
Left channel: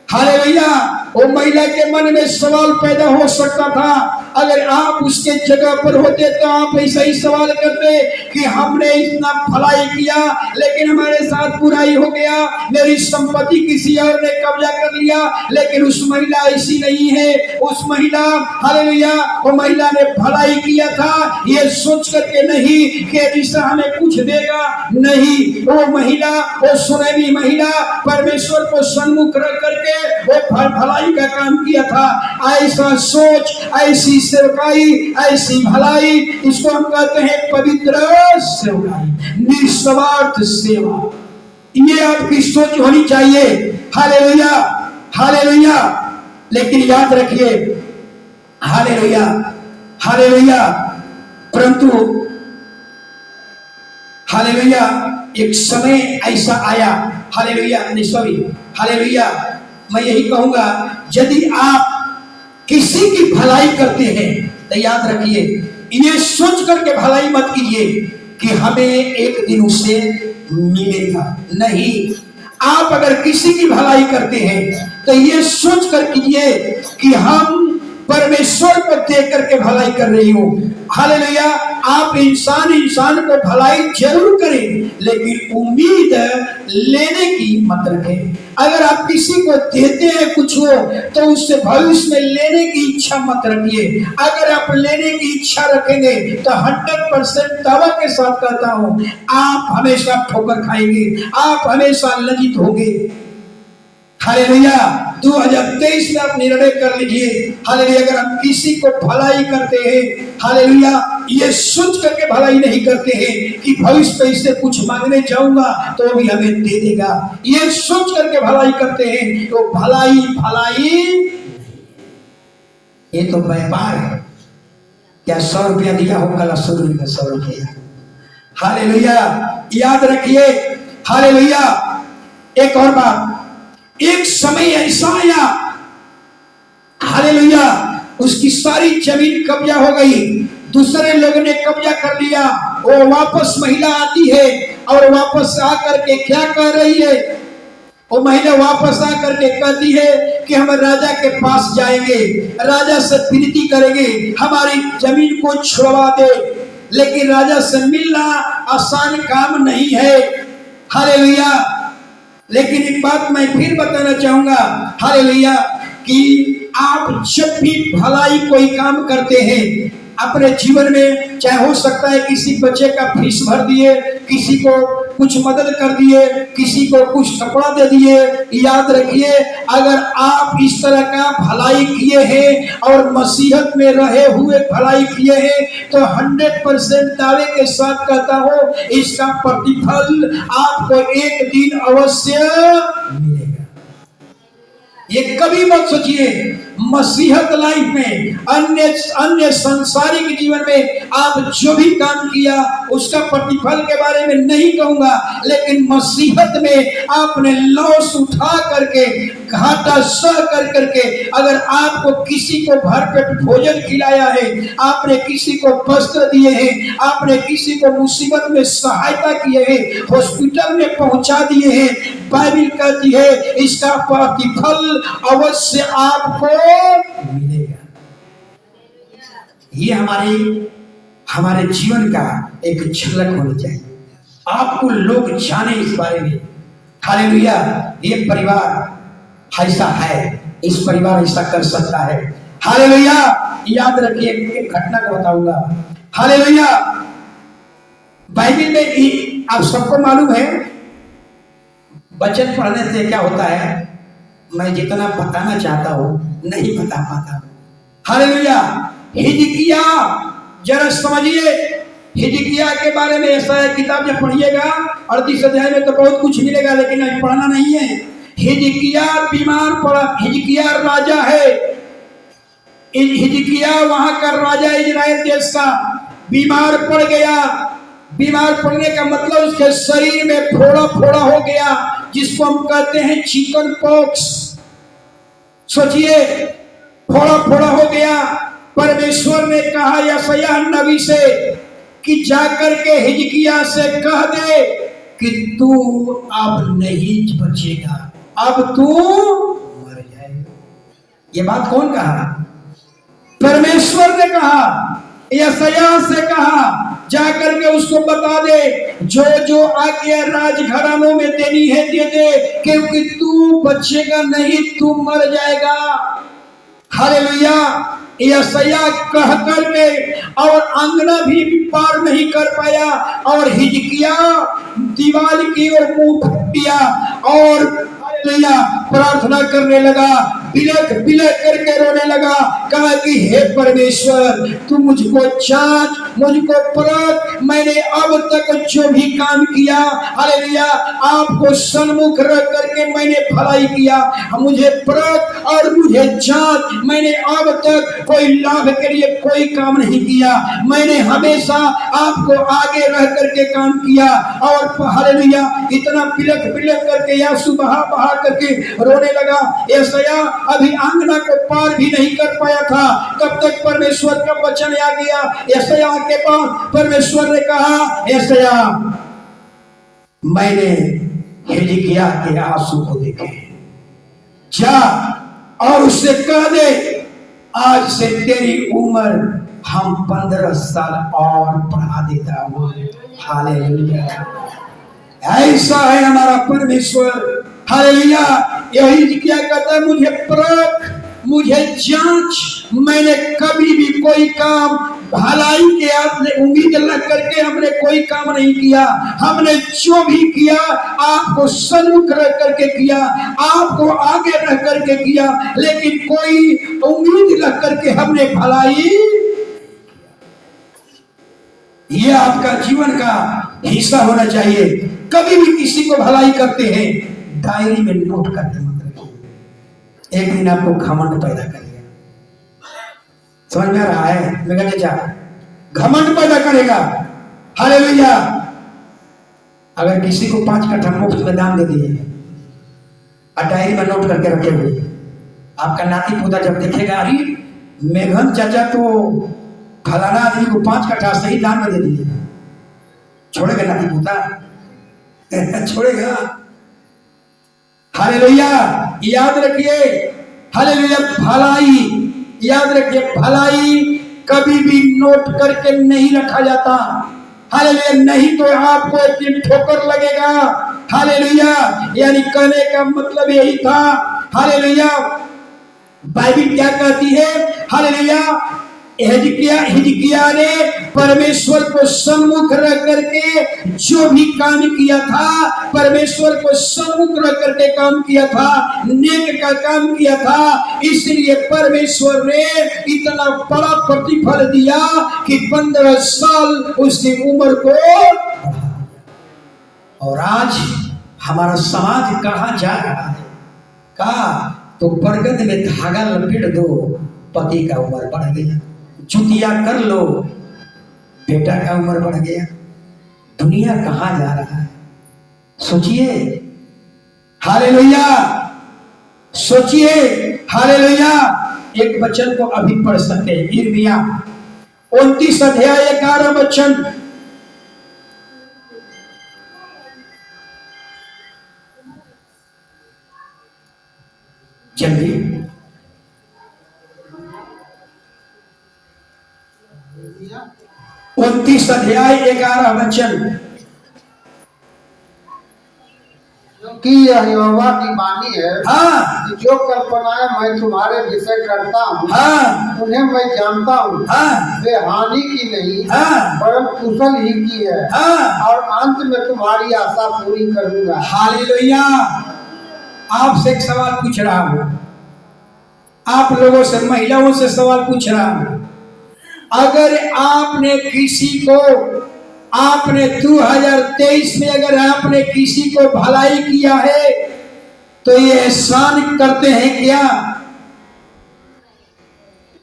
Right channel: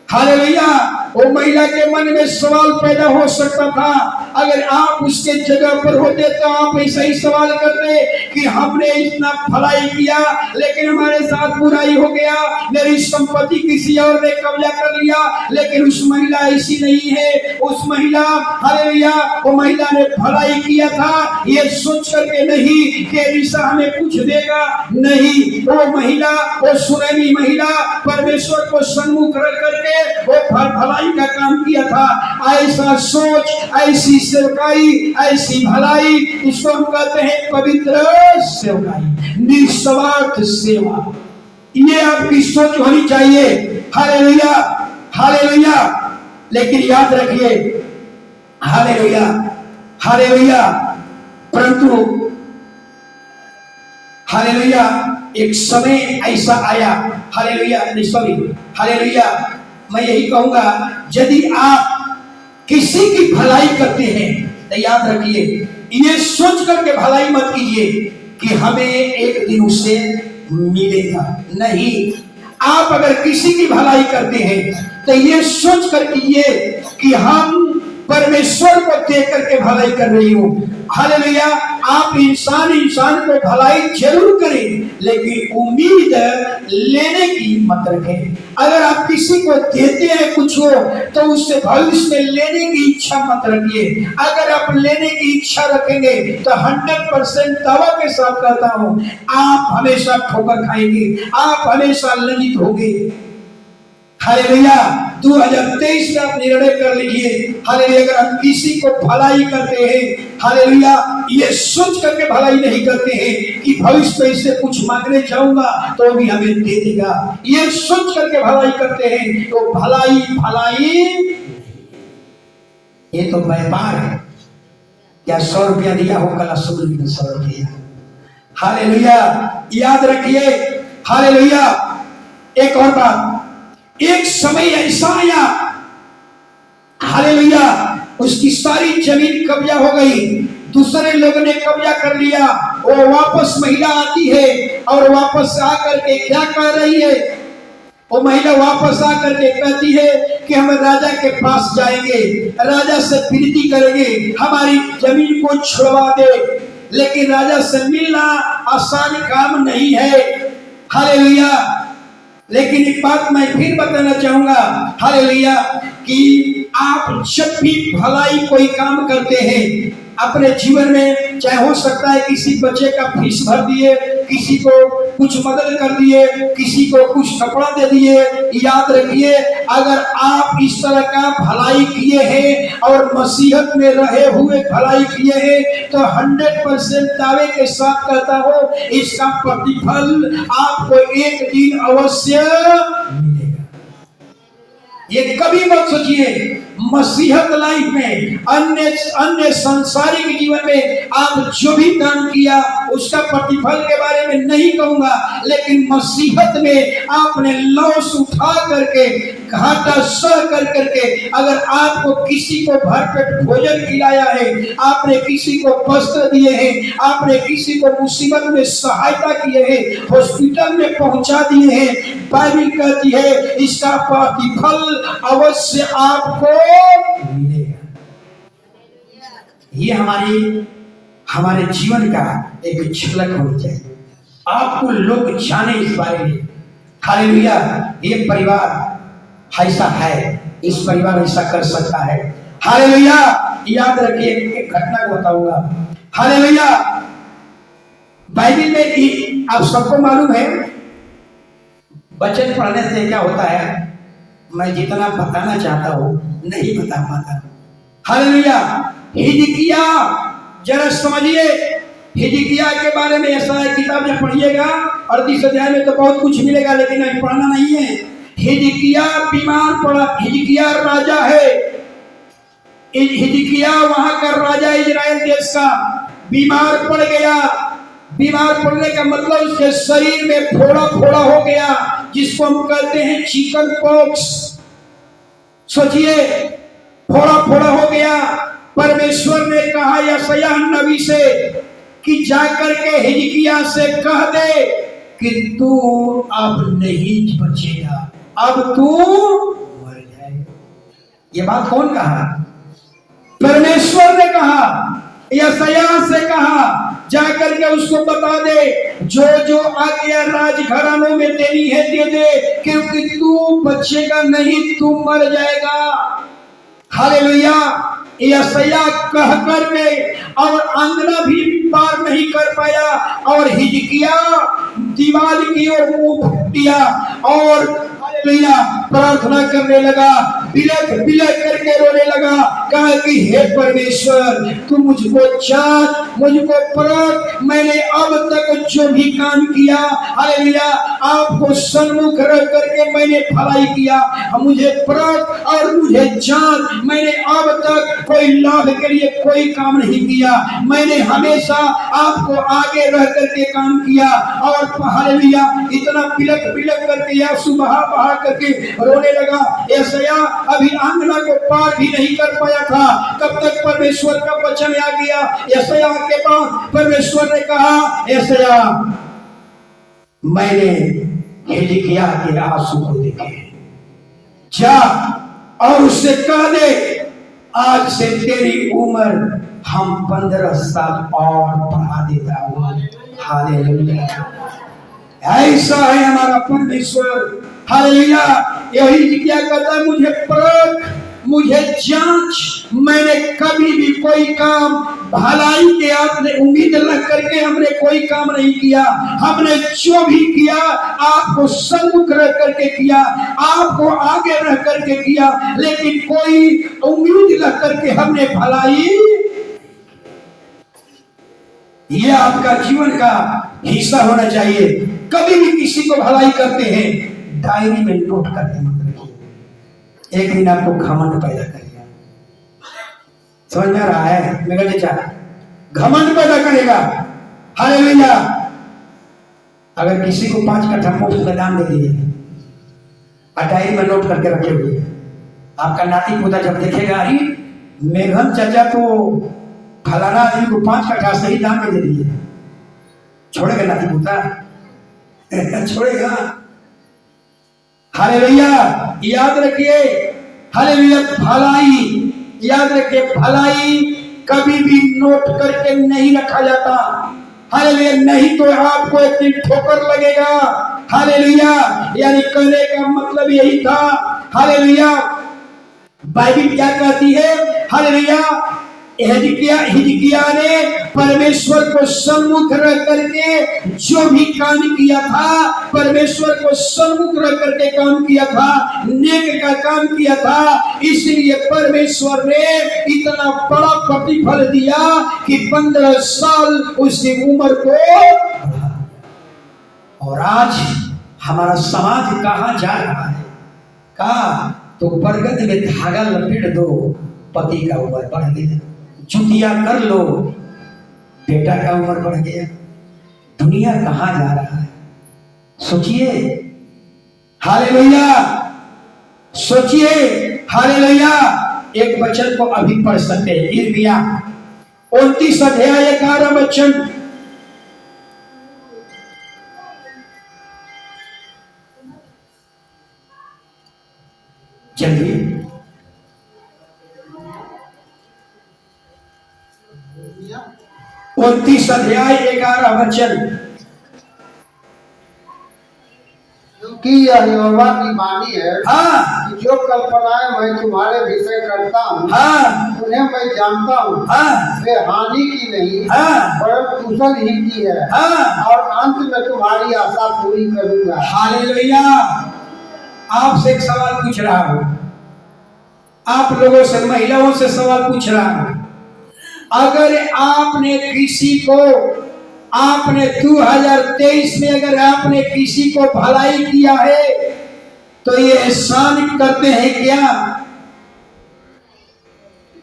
हालेलुया। वो महिला के मन में सवाल पैदा हो सकता था, अगर आप उसके जगह पर होते तो आप ऐसा ही सवाल करते कि हमने इतना भलाई किया लेकिन हमारे साथ बुराई हो गया, मेरी संपत्ति किसी और ने कब्जा कर लिया। लेकिन उस महिला ऐसी नहीं है। उस महिला, हालेलुया, वो महिला ने भलाई किया था ये सोच करके नहीं कि एलीशा हमें कुछ देगा, नहीं। वो महिला, वो सुनेमी महिला परमेश्वर को सन्मुख रख करके वो भलाई का काम किया था। ऐसा सोच, ऐसी सेवकाई, ऐसी भलाई, इसको हम कहते हैं पवित्र सेवकाई, निस्वार्थ सेवा। ये आपकी सोच होनी चाहिए। Hallelujah, hallelujah. लेकिन याद रखिए, हालेलुया, हालेलुया, परंतु हालेलुया एक समय ऐसा आया, हालेलुया, नहीं सॉरी, हालेलुया, मैं यही कहूंगा यदि आप किसी की भलाई करते हैं तो याद रखिए, इन्हें सोच करके भलाई मत कीजिए कि हमें एक दिन उससे मिलेगा। नहीं, आप अगर किसी की भलाई करते हैं तो ये सोच कर कीजिए कि हम परमेश्वर को देख करके भलाई कर रही हूं। हालेलुया। आप इंसान को भलाई जरूर करें लेकिन उम्मीद लेने की मत रखें। अगर आप किसी को देते हैं कुछ हो तो उससे भविष्य में लेने की इच्छा मत रखिए। अगर आप लेने की इच्छा रखेंगे तो 100% दावा के साथ कहता हूं आप हमेशा ठोकर खाएंगे, आप हमेशा लज्जित होंगे। हालेलुया। 2023 में आप निर्णय कर लीजिए, हालेलुया, अगर हम किसी को भलाई करते हैं, हालेलुया, ये सोच करके भलाई नहीं करते हैं कि भविष्य में इससे कुछ मांगने जाऊंगा तो भी हमें दे देगा, ये सोच करके भलाई करते हैं तो भलाई भलाई, ये तो व्यापार है। क्या 100 रुपया दिया हो कल 100 रुपया। हालेलुया, याद रखिए। हालेलुया। एक और बात, एक समय ऐसा आया, हालेलुया, उसकी सारी जमीन कब्जा हो गई, दूसरे लोगों ने कब्जा कर लिया। वो वापस महिला आती है और वापस आकर के क्या कह रही है, वो महिला वापस आकर के कहती है कि हम राजा के पास जाएंगे, राजा से विनती करेंगे हमारी जमीन को छुड़वा दे। लेकिन राजा से मिलना आसान काम नहीं है। हालेलुया। लेकिन एक बात मैं फिर बताना चाहूंगा, हालेलुया, कि आप जब भी भलाई कोई काम करते हैं अपने जीवन में, चाहे हो सकता है किसी बच्चे का फीस भर दिए, किसी को कुछ मदद कर दिए, किसी को कुछ कपड़ा दे दिए, याद रखिए अगर आप इस तरह का भलाई किए हैं और मसीहत में रहे हुए भलाई किए हैं तो 100% दावे के साथ कहता हूं इसका प्रतिफल आपको एक दिन अवश्य मिलेगा। ये कभी मत सोचिए मसीहत लाइफ में, अन्य सांसारिक जीवन में आप जो भी काम किया उसका प्रतिफल के बारे में नहीं कहूंगा, लेकिन मसीहत में आपने लॉस उठा करके, घाटा सह कर करके, अगर आपको किसी को भरपेट भोजन खिलाया है, आपने किसी को वस्त्र दिए हैं, आपने किसी को मुसीबत में सहायता किए हैं, हॉस्पिटल में पहुंचा दिए हैं, बाइबल कहती है इसका प्रतिफल अवश्य आपको मिलेगा। ये हमारे जीवन का एक झलक होनी चाहिए, आपको लोग जाने इस बारे में। हालेलुया। ये परिवार ऐसा है, इस परिवार ऐसा कर सकता है। हालेलुया। याद रखिए, एक घटना को बताऊंगा। हालेलुया। बाइबल में आप सबको मालूम है वचन पढ़ने से क्या होता है, मैं जितना बताना चाहता हूं नहीं बता पाता। हालेलुया। हिजकिय्याह, जरा समझिए हिजकिय्याह के बारे में। ऐसा है, किताब जब पढ़िएगा 38 अध्याय में तो बहुत कुछ मिलेगा, लेकिन अभी पढ़ना नहीं है। हिजकिया बीमार पड़ा। हिजकिया राजा है, हिजकिया वहां का राजा इजराइल देश का बीमार पड़ गया। बीमार पड़ने का मतलब उसके शरीर में फोड़ा फोड़ा हो गया, जिसको हम कहते हैं चिकन पॉक्स। सोचिए, फोड़ा फोड़ा हो गया। परमेश्वर ने कहा यशायाह नबी से कि जाकर के हिजकिया से कह दे कि तू अब नहीं बचेगा, अब तू मर जाएगा। ये बात कौन कहा? परमेश्वर ने कहा, यशायाह से कहा जाकर के उसको बता दे, जो जो आज्ञा राजघरानों में देनी है दे दे, क्योंकि तू बचेगा नहीं, तू मर जाएगा। हालेलुया। यशायाह कह करके और अंगना भी पार नहीं कर पाया, और हिजकिया दीवार की ओर मुंह किया और हालेलुया प्रार्थना करने लगा, बिलख बिलख करके रोने लगा। कहा कि हे परमेश्वर, तू मुझको जांच, मुझको परख, मैंने अब तक जो भी काम किया, हालेलुया आपको सन्मुख रख करके मैंने भलाई किया, मुझे परख और मुझे जांच। मैंने अब तक कोई लाभ के लिए कोई काम नहीं किया, मैंने हमेशा आपको आगे रह करके काम किया। और हालेलुया इतना बिलख बिलख करके आंसू बहा बहा करके रोने लगा। यशायाह अभी आंगना को पार भी नहीं कर पाया था, तब तक परमेश्वर का वचन आ गया। यशायाह के पास परमेश्वर ने कहा, यशायाह मैंने हिजकिया के आंसू को देखे, जा और उससे कह दे आज से तेरी उम्र हम 15 साल और बढ़ा देता हूं। हालेलुया। ऐसा है हमारा परमेश्वर। हालेलुया। यही क्या कहता है, मुझे परख, मुझे जांच। मैंने कभी भी कोई काम भलाई के आपने उम्मीद लग करके हमने कोई काम नहीं किया। हमने जो भी किया आपको सन्मुख रह करके किया, आपको आगे रह करके किया, लेकिन कोई उम्मीद लग करके हमने भलाई। ये आपका जीवन का हिस्सा होना चाहिए। कभी भी किसी को भलाई करते हैं, डायरी में नोट करके मत रखिए, एक दिन आपको घमंड पैदा करेगा। समझ में आ रहा है मेरा चाचा? घमंड पैदा करेगा। हालेलुया। अगर किसी को 5 कट्ठा मुफ्त में दान दे दिए और डायरी में नोट करके रखे हुए, आपका नाती पोता जब देखेगा, अरे मेघन चाचा तो फलाना आदमी को 5 कट्ठा सही दान में दे दिए, छोड़ेगा नाती पोता? छोड़ेगा? हालेलुया। याद रखिए, हालेलुया भलाई, याद रखिए भलाई कभी भी नोट करके नहीं रखा जाता। हालेलुया। नहीं तो आपको एक दिन ठोकर लगेगा। हालेलुया। यानी कहने का मतलब यही था। हालेलुया। बाइबल क्या कहती है? हालेलुया। हिजकिया ने परमेश्वर को सम्मुख रख करके जो भी काम किया था, परमेश्वर को सम्मुख रख करके काम किया था, नेक का काम किया था, इसलिए परमेश्वर ने इतना बड़ा प्रतिफल दिया कि 15 साल उसकी उम्र को बढ़ा। और आज हमारा समाज कहां जा रहा है? कहा तो बरगद में धागा लपेट दो, पति का उम्र बढ़ गया। जुतिया कर लो, बेटा का उम्र बढ़ गया। दुनिया कहां जा रहा है? सोचिए। हालेलुया। सोचिए। हालेलुया। एक वचन को अभी पढ़ सकते हैं, यिर्मयाह 29 अध्याय 11 वचन। जल्दी 29 अध्याय 11 वचन। कि यह यहोवा की वाणी है, हाँ, कि जो कल्पनाएं मैं तुम्हारे विषय करता हूँ, हाँ, उन्हें मैं जानता हूँ। हाँ, वे हानि की नहीं, हाँ, परम कुशल ही की है, हाँ। और अंत में तुम्हारी आशा पूरी करूंगा। हालेलुया। आपसे एक सवाल पूछ रहा हूं, आप लोगों से, महिलाओं से सवाल पूछ रहा हूं। अगर आपने किसी को आपने 2023 में अगर आपने किसी को भलाई किया है तो ये एहसान करते हैं क्या?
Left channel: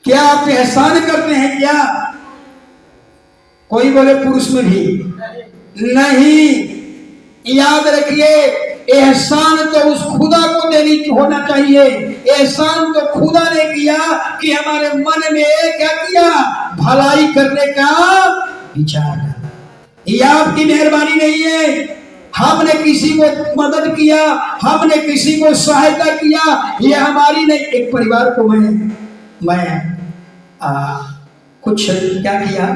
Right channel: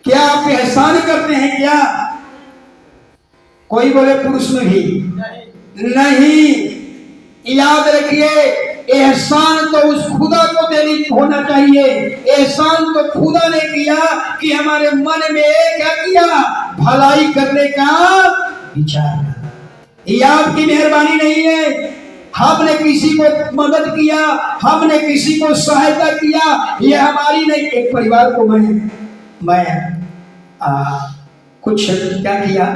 क्या आप एहसान करते हैं क्या? कोई बोले पुरुष में भी नहीं। याद रखिए, एहसान तो उस खुदा को देनी होना चाहिए। एहसान तो खुदा ने किया कि हमारे मन में क्या किया? भलाई करने का विचार। ये आपकी मेहरबानी नहीं है। हमने किसी को मदद किया, हमने किसी को सहायता किया, ये हमारी नहीं। एक परिवार को मैं कुछ क्या किया,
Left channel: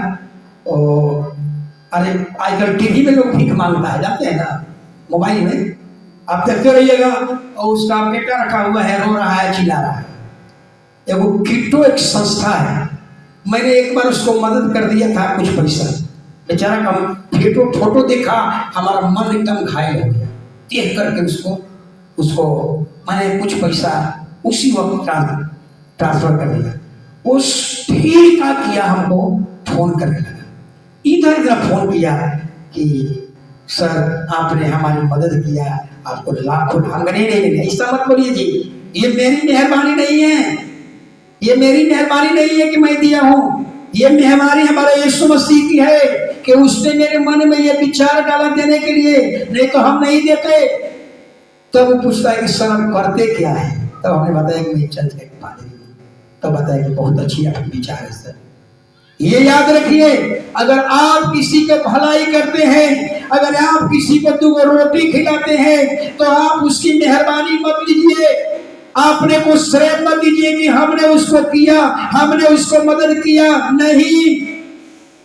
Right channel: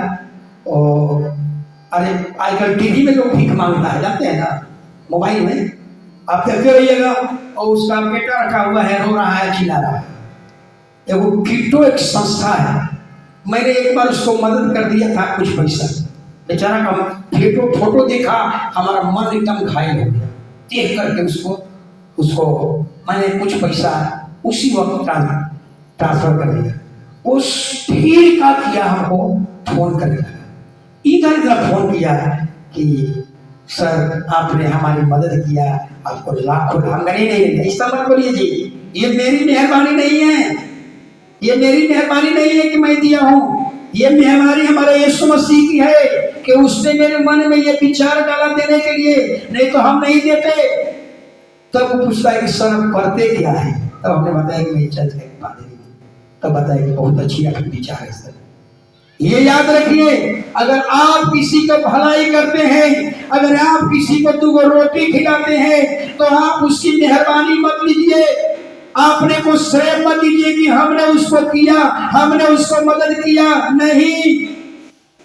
और अरे आजकल टीवी में लोग भीख मांगता है, जानते हैं ना, मोबाइल में आप देखते रहिएगा, और उसका बेटा रखा हुआ है, रो रहा है, चिल्ला रहा है। एगो किट्टो एक संस्था है, मैंने एक बार उसको मदद कर दिया था कुछ पैसा। बेचारा का फोटो देखा, हमारा मन एकदम घायल हो गया। देख करके उसको मैंने कुछ पैसा उसी वक्त ट्रांसफर कर दिया। उस भीड़ का किया हमको फोन करने लगा, इधर फोन किया कि सर आपने हमारी मदद किया, आपको लाखों नहीं, ऐसा मत बोलिए जी, ये मेरी मेहरबानी नहीं है, ये मेरी मेहरबानी नहीं है कि मैं दिया हूँ। ये मेहरबानी हमारे यीशु मसीह की है कि उसने मेरे मन में ये विचार डाला देने के लिए, नहीं तो हम नहीं देते। तब वो पूछता है कि सर आप करते क्या है? तब हमने बताया कि मैं चर्च का एक पादरी हूँ। तब बताया कि बहुत अच्छी आपकी विचार है सर। ये याद रखिए, अगर आप किसी को भलाई करते हैं, अगर आप किसी को 2 रोटी खिलाते हैं, तो आप उसकी मेहरबानी मत लीजिए, आपने को श्रेय मत दीजिए कि हमने उसको किया, हमने उसको मदद किया। नहीं,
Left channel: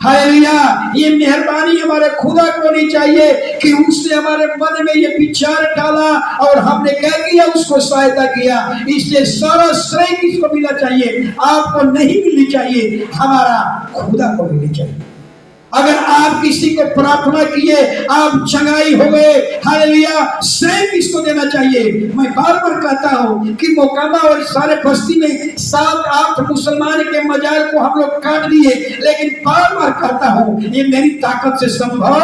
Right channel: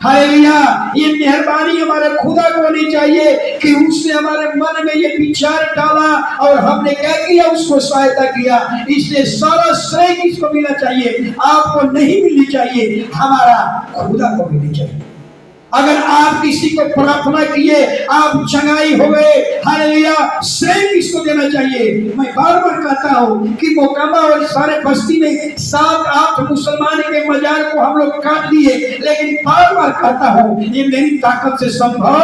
हालेलुया। ये मेहरबानी हमारे खुदा को होनी चाहिए कि उसने हमारे मन में ये विचार डाला और हमने क्या किया? उसको सहायता किया। इसलिए सारा श्रेय किसको मिलना चाहिए? आपको नहीं मिलनी चाहिए, हमारा खुदा को मिलनी चाहिए। अगर आप किसी को प्रार्थना किए, आप चंगाई हो गए, हालेलुया, श्रेय किसको देना चाहिए? मैं बार बार कहता हूं कि मोकामा और सारे बस्ती में 7-8 मुसलमान के मजार को हम लोग काट दिए, लेकिन बार बार कहता हूं ये मेरी ताकत से संभव,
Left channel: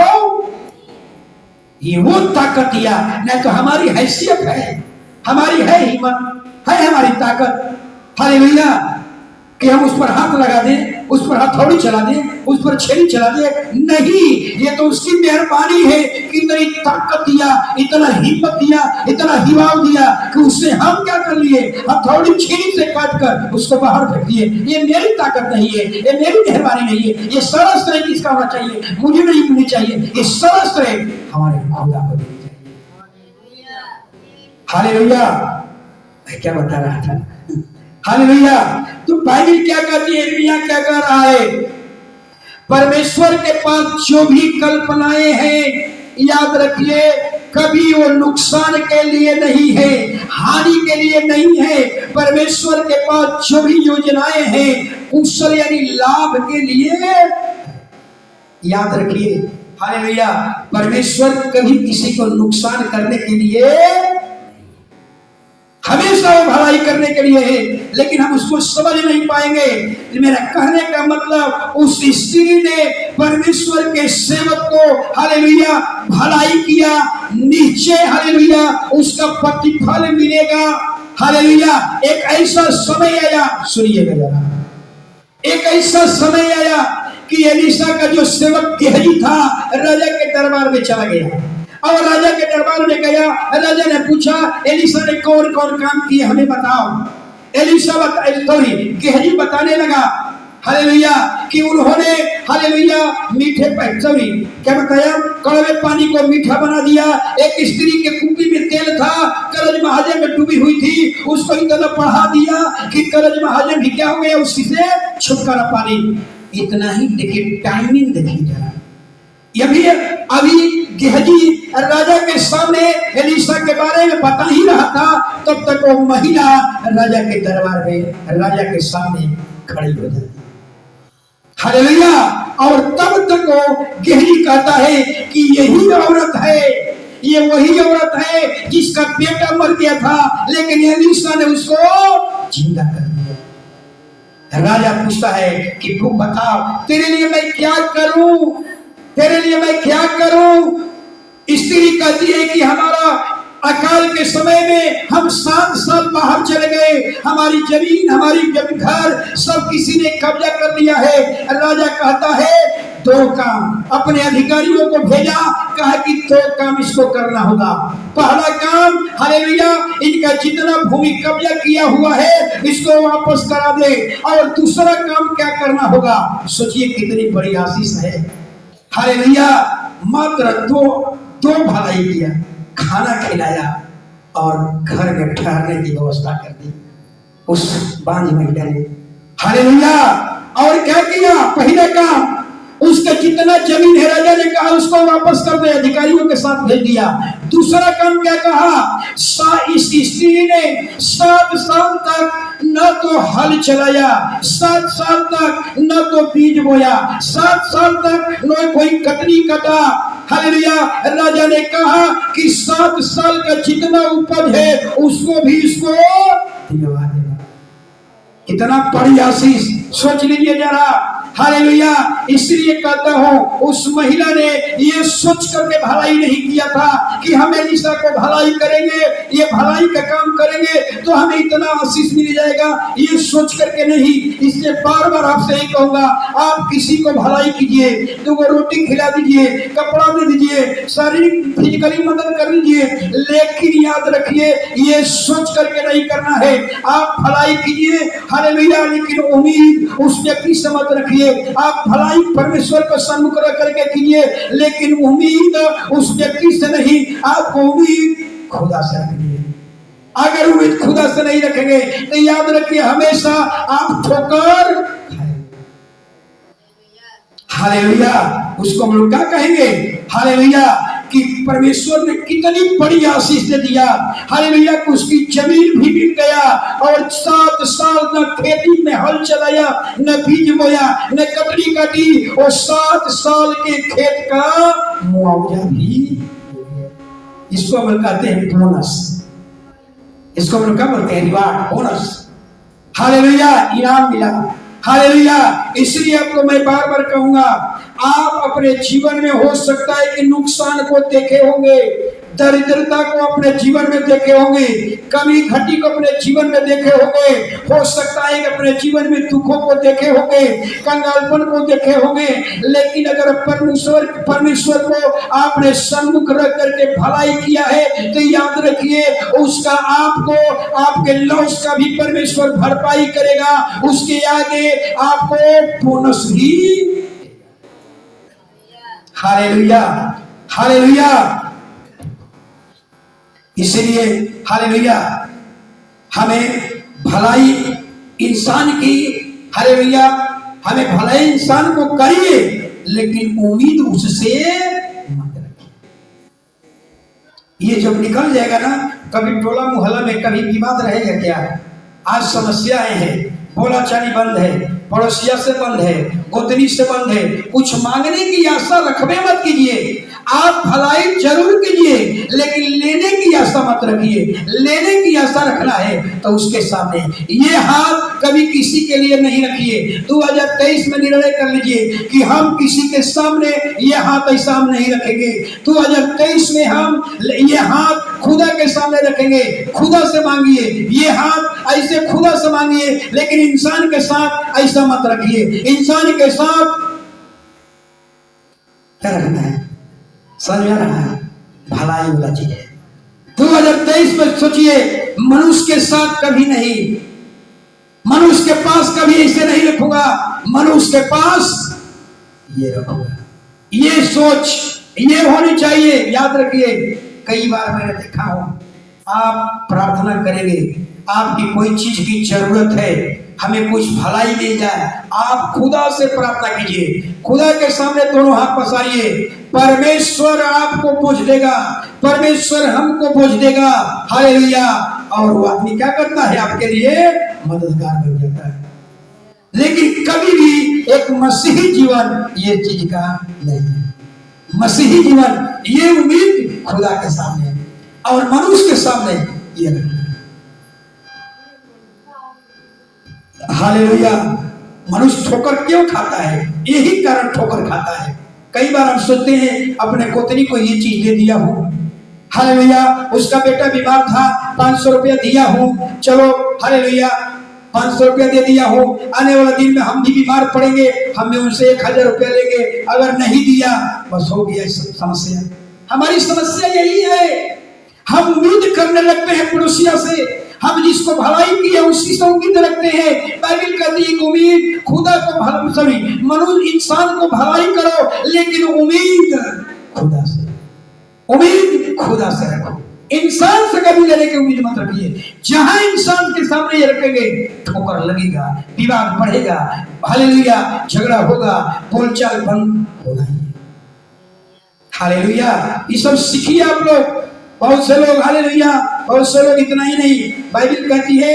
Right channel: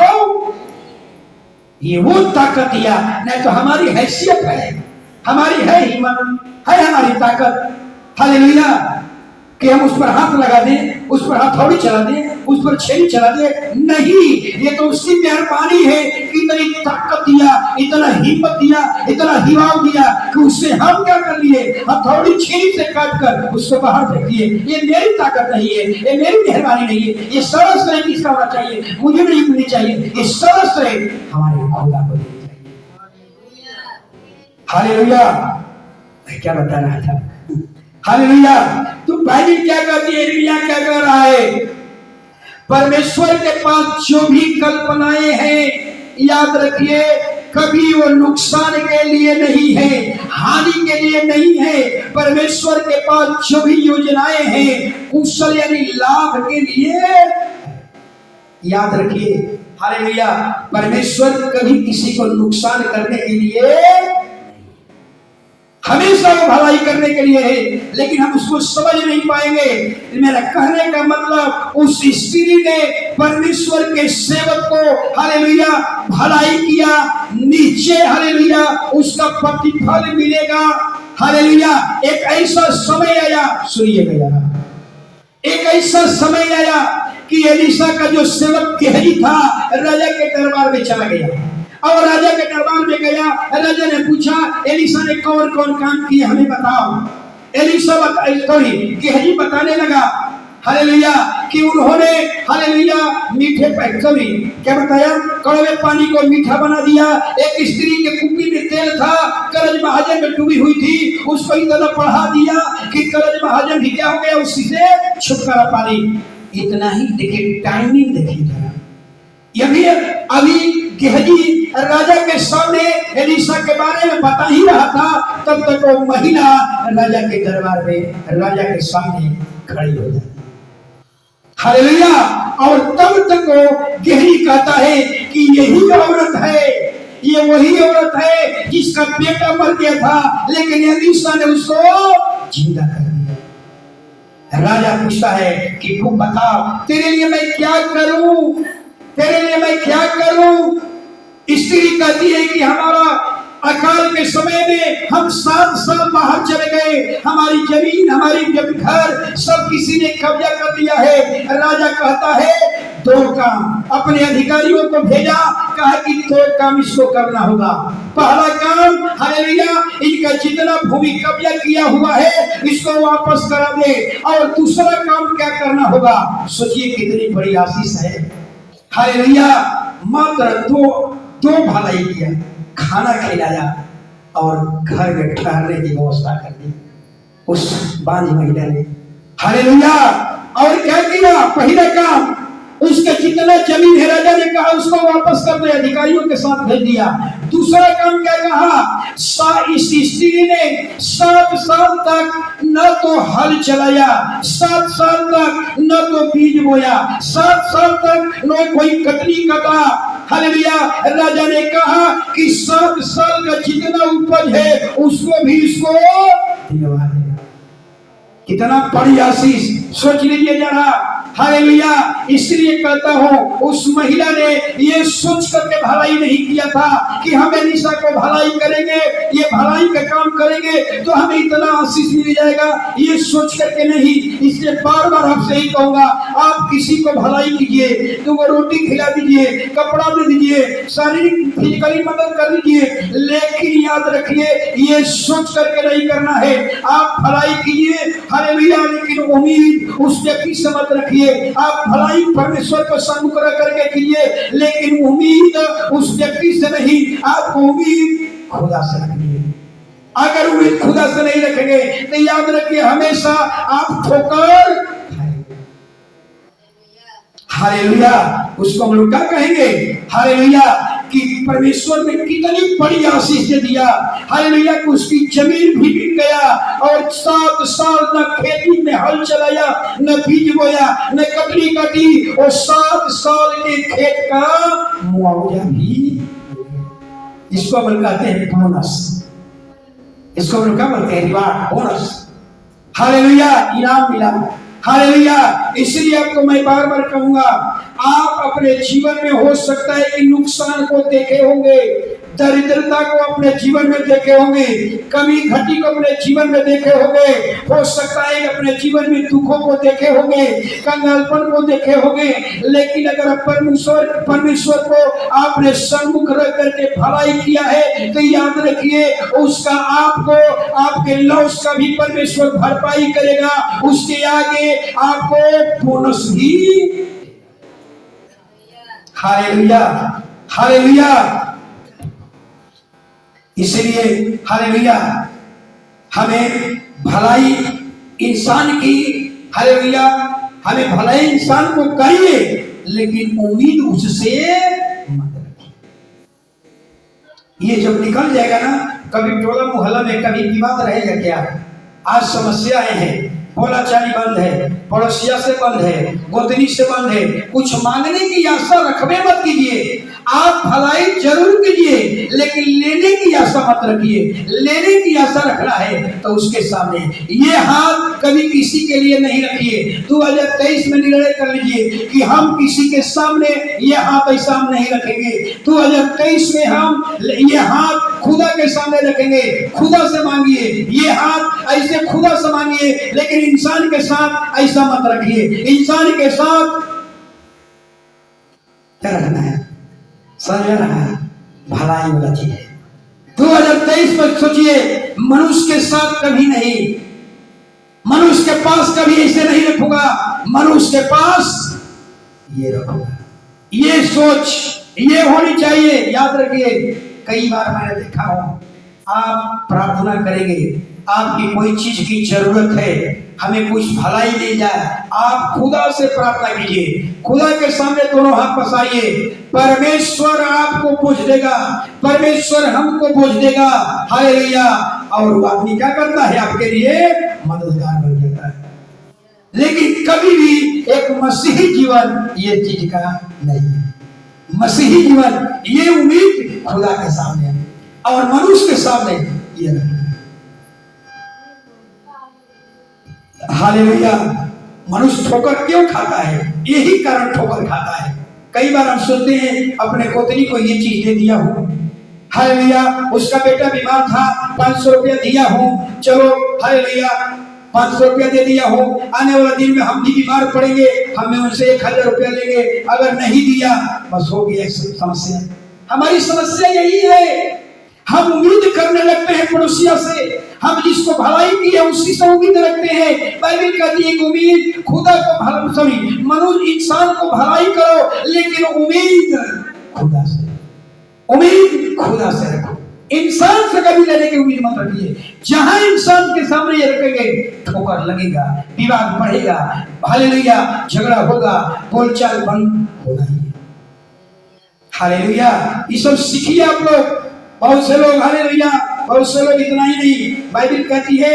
ये वो ताकत दिया, नहीं तो हमारी हैसियत है, हमारी है हिम्मत, है हमारी ताकत, हालेलुया, कि हम उस पर हाथ लगा दें, उस पर हथौड़ी चला दें, उस पर छेड़ी चला दें। नहीं, ये तो उसकी मेहरबानी है कि इतनी ताकत दिया, इतना हिम्मत दिया, इतना हिवाव दिया कि उससे हम क्या कर लिए? हथौड़ी छेड़ी से काट कर उसको बाहर फेंक दिए। ये मेरी ताकत नहीं है, ये मेरी मेहरबानी नहीं है। ये सारा श्रेय किसका होना चाहिए? मुझे नहीं मिलनी चाहिए, ये सारा श्रेय हमारे खुदा को मिलनी चाहिए। हालेलुया। मैं क्या बता रहा था? हालेलुया। तो बाइबल क्या कहती है? यिर्मयाह क्या कह रहा है? परमेश्वर के पास जो भी कल्पनाएं हैं, याद रखिए, कभी वो नुकसान के लिए नहीं है, हानि के लिए नहीं है। परमेश्वर के पास जो भी योजनाएं हैं, कुशल यानी लाभ के लिए। याद रखिए, हालेलुया, परमेश्वर कभी किसी को नुकसान करने के लिए, हमेशा वो भलाई करने के लिए है, लेकिन हम उसको समझ नहीं पाएंगे। मेरा कहने का मतलब, उस स्त्री ने परमेश्वर के सेवक को, हालेलुया, भलाई किया, नीचे, हालेलुया, उसका प्रतिफल मिलेगा। हालेलुया। एक ऐसा समय आया, सुनिएगा जरा, एक ऐसा समय आया कि एलीशा का जो सेवक गेहजी था, राजा के दरबार में चला गया, और राजा के दरबार में गया। राजा ने पूछा, एलीशा ने कौन कौन काम किए हमें बताओ। एलीशा गेहजी बताने लगा, हालेलुया, कि उन्होंने, हालेलुया, मीठे सॉरी क्या बताया? कड़वे पानी को मीठा बना दिया। एक स्त्री के कुप्पी में तेल था, करज महाजन में डूबी हुई थी, उसको इतना बढ़ा दिया कि करज महाजन भी क्या हो गया? उसी से छुटकारा पानी। इतना ही देखिए, टाइमिंग देखिए जरा। ये भी अभी गेहजी राजा के सामने एलीशा के बारे में बता ही रहा था, तब तक वो महिला राजा के दरबार में, राजा के सामने खड़ी हो जाती। हालेलुया। और तब तक वो गेहजी कहता है कि यही औरत है, ये वही औरत है जिसका बेटा मर गया था, लेकिन एलीशा ने उसको जिंदा कर दिया। राजा पूछता है कि तू बताओ, तेरे लिए मैं क्या करूं? तेरे लिए मैं क्या करूं? स्त्री कहती है कि हमारा अकाल के समय में हम 7 साल बाहर चले गए, हमारी जमीन, हमारी घर सब किसी ने कब्जा कर लिया है। राजा कहता है 2 काम, अपने अधिकारियों को भेजा, कहा कि 2 काम इसको करना होगा। पहला काम, हालेलुया, इनका जितना भूमि कब्जा किया हुआ है इसको वापस करा दे। और दूसरा काम क्या करना होगा? सोचिए कितनी बड़ी आशीष है। हालेलुया, मात्र दो भलाई किया, खाना खिलाया और घर में ठहरने की व्यवस्था कर दी उस बांझ महिला ने। हालेलुया। और क्या किया? पहला काम, उसका जितना जमीन है राजा ने कहा उसको वापस कर दे, अधिकारियों के साथ भेज दिया। दूसरा काम क्या कहा? इस स्त्री ने 7 साल तक न तो हल चलाया, 7 साल तक न तो बीज बोया, 7 साल तक न कोई कटनी कटा। हालेलुया। राजा ने कहा कि 7 साल का जितना उपज है उसको भी इसको दिलवा देना। कितना बड़ी आशीष, सोच लीजिए जरा। हालेलुया। इसलिए कहता हूं, उस महिला ने ये सोच करके भलाई नहीं किया था कि हम एलिशा को भलाई करेंगे, ये भलाई का काम करेंगे तो हमें इतना आशीष मिल जाएगा, ये सोच करके नहीं। इसलिए बार बार आपसे ही कहूंगा, आप किसी को भलाई कीजिए, 2 रोटी खिला दीजिए, कपड़ा दे दीजिए, शारीरिक फिजिकली मदद कर दीजिए, लेकिन याद रखिए ये सोच करके नहीं करना है। आप भलाई कीजिए, हालेलुया, लेकिन उम्मीद उस व्यक्ति से मत रखिए। आप भलाई परमेश्वर को सम्मुख रख करके कीजिए, लेकिन उम्मीद उस व्यक्ति से नहीं, आपको उम्मीद खुदा से रखनी है। अगर उम्मीद खुदा से नहीं रखेंगे तो याद रखिए हमेशा आप ठोकर खाएंगे। हालेलुया। उसको हम लोग क्या कहेंगे? हालेलुया, कि परमेश्वर ने कितनी बड़ी आशीष दे दिया। हालेलुया, कि उसकी जमीन भी बिक गया और 7 साल न खेती में हल चलाया, न बीज बोया, न कटनी काटी, और 7 साल के खेत का मुआवजा भी। इसको हम कहते हैं बोनस, इसको हम लोग क्या बोलते हैं? Reward, bonus. हालेलुया, इनाम मिला। हालेलुया। इसलिए आपको मैं बार बार कहूंगा, आप अपने जीवन में हो सकता है कि नुकसान को देखे होंगे, दरिद्रता को अपने जीवन में देखे होंगे, कमी घटी को अपने जीवन में देखे होंगे, हो सकता है कि अपने जीवन में दुखों को देखे होंगे, कंगालपन को देखे होंगे, लेकिन अगर परमेश्वर को आपने सम्मुख रख करके भलाई किया है तो याद रखिए उसका आपको, आपके लॉस का भी परमेश्वर भरपाई करेगा। उसके आगे आपको बोनस भी। Hallelujah, hallelujah. इसलिए हालेलुया, हमें भलाई इंसान की, हालेलुया, हमें भलाई इंसान को करिए, लेकिन उम्मीद उससे मत रखिए। ये जब निकल जाएगा ना, कभी टोला मोहल्ला में कभी विवाद रहेगा क्या? आज समस्याएं हैं, बोला चाली बंद है, पड़ोसिया से बंद है, गोतनी से बंद है। कुछ मांगने की आशा रखबे मत कीजिए। आप भलाई जरूर कीजिए, लेकिन लेने की आशा मत रखिए। लेने की आशा रखना है तो उसके सामने ये हाथ कभी किसी के लिए नहीं रखिए। 2023 में निर्णय कर लीजिए कि हम किसी के सामने ये हाथ ऐसा हम नहीं रखेंगे। 2023 में हम ये हाथ खुदा के सामने रखेंगे। खुदा से मांगिए, ये हाथ ऐसे खुदा से मांगिए, लेकिन इंसान के साथ ऐसा मत रखिए। इंसान के साथ क्या रखना है? समझ रहा है? भलाई वाला चीज है। 2023 में सोचिए, मनुष्य के साथ कभी नहीं, मनुष्य के पास कभी ऐसे नहीं रखूंगा, मनुष्य के पास ये रखूंगा। ये सोच ये होनी चाहिए। याद रखिए, कई बार मैंने देखा हो, आप प्रार्थना करेंगे, आपकी कोई चीज की जरूरत है, हमें कुछ भलाई मिल जाए, आप खुदा से प्रार्थना कीजिए, खुदा के सामने दोनों हाथ पसारिए, परमेश्वर आपको पूछ देगा, परमेश्वर हमको पूछ देगा। हालेलुया। और वो आदमी क्या करता है? आपके लिए मददगार बन जाता है। लेकिन कभी भी एक मसीही जीवन ये चीज का नहीं है। मसीही जीवन ये उम्मीद खुदा के सामने और मनुष्य के सामने ये नहीं। हालेलुया। मनुष्य ठोकर क्यों खाता है? यही कारण ठोकर खाता है, कई बार हम सोचते हैं अपने पोतनी को ये चीज दे दिया हूँ, हालेलुया, उसका बेटा बीमार था 500 रुपया दिया हूँ, चलो हालेलुया 500 रुपया दे दिया हूँ, आने वाला दिन में हम भी बीमार पड़ेंगे, हमें उनसे 1000 रुपया लेंगे, अगर नहीं दिया बस हो गया समस्या। हमारी समस्या यही है, हम उम्मीद करने लगते हैं पड़ोसिया से, हम जिसको भलाई की है उसी से उम्मीद रखते हैं। बाइबल कहती है कि उम्मीद खुदा को मनुष्य इंसान को भलाई करो, लेकिन उम्मीद खुदा से, उम्मीद खुदा से रखो, इंसान से कभी लेने की उम्मीद मत रखिए। जहां इंसान के सामने ये रखेंगे ठोकर लगेगा, विवाद बढ़ेगा, हालेलुया झगड़ा होगा, बोलचाल बंद होगा। हालेलुया, ये सब सीखिए आप लोग। बहुत से लोग हालेलुया, बहुत से लोग इतना ही नहीं, बाइबल कहती है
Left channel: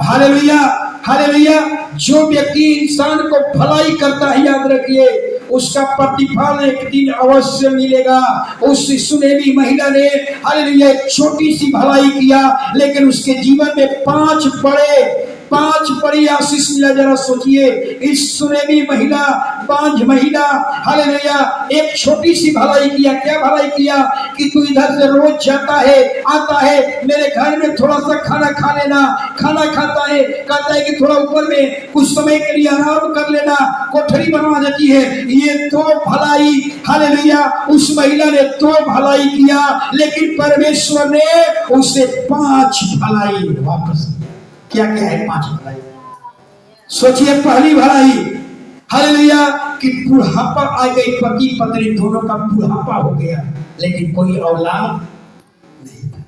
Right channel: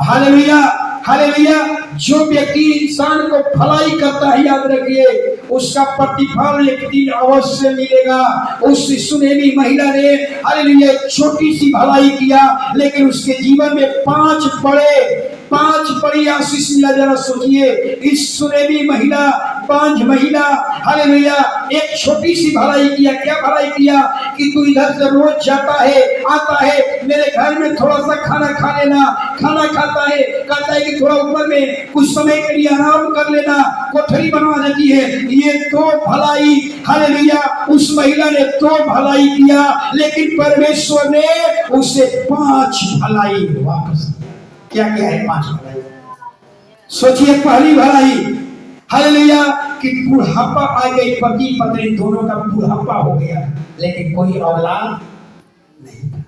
हालेलुया हालेलुया, जो व्यक्ति इंसान को भलाई करता है याद रखिए उसका प्रतिफल एक दिन अवश्य मिलेगा। उस सुनेमी महिला ने हालेलुया छोटी सी भलाई किया, लेकिन उसके जीवन में 5 बड़ी आशीष मिला। जरा सोचिए, इस सुनेमी महिला, 5 महिला हालेलुया एक छोटी सी भलाई किया। क्या भलाई किया कि तू इधर से रोज जाता है आता है, मेरे घर में थोड़ा सा खाना खा लेना, खाना खाता है, कहता है कि थोड़ा ऊपर में कुछ समय के लिए आराम कर लेना, कोठरी बनवा देती है। ये 2 भलाई हालेलुया, उस महिला ने 2 भलाई किया, लेकिन परमेश्वर ने उसे 5 भलाई वापस। क्या क्या है 5 भलाई? सोचिए, पहली भलाई हालेलुया कि बुढ़ापा आ गई, पति पत्नी दोनों का बुढ़ापा हो गया, लेकिन कोई औलाद नहीं था।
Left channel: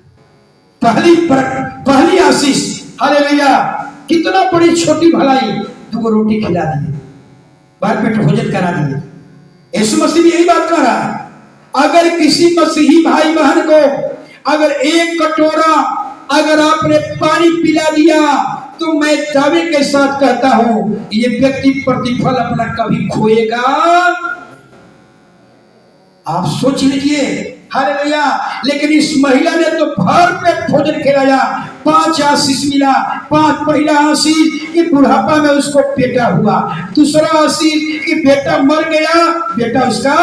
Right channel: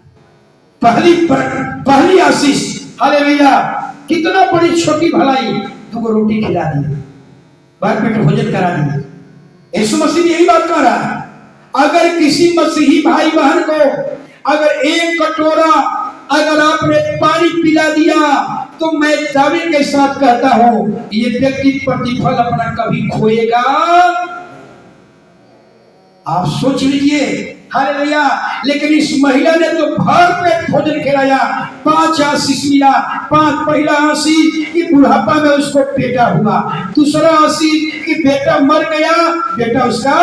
पहली आशीष हालेलुया, कितना बड़ी छोटी भलाई, 2 रोटी खिला दिए, भर पेट भोजन करा दिए। यीशु मसीह भी यही बात कह रहा है। अगर किसी मसीही भाई बहन को अगर 1 कटोरा अगर आपने पानी पिला दिया, तो मैं दावे के साथ कहता हूं ये व्यक्ति प्रतिफल अपना कभी खोएगा। आप सोच लीजिए हालेलुया। लेकिन इस महिला ने तो भर पेट भोजन खिलाया, 5 आशीष मिला। 5 पहला आशीष कि बुढ़ापा में उसको बेटा हुआ, दूसरा आशीष कि बेटा मर गया, बेटा उसका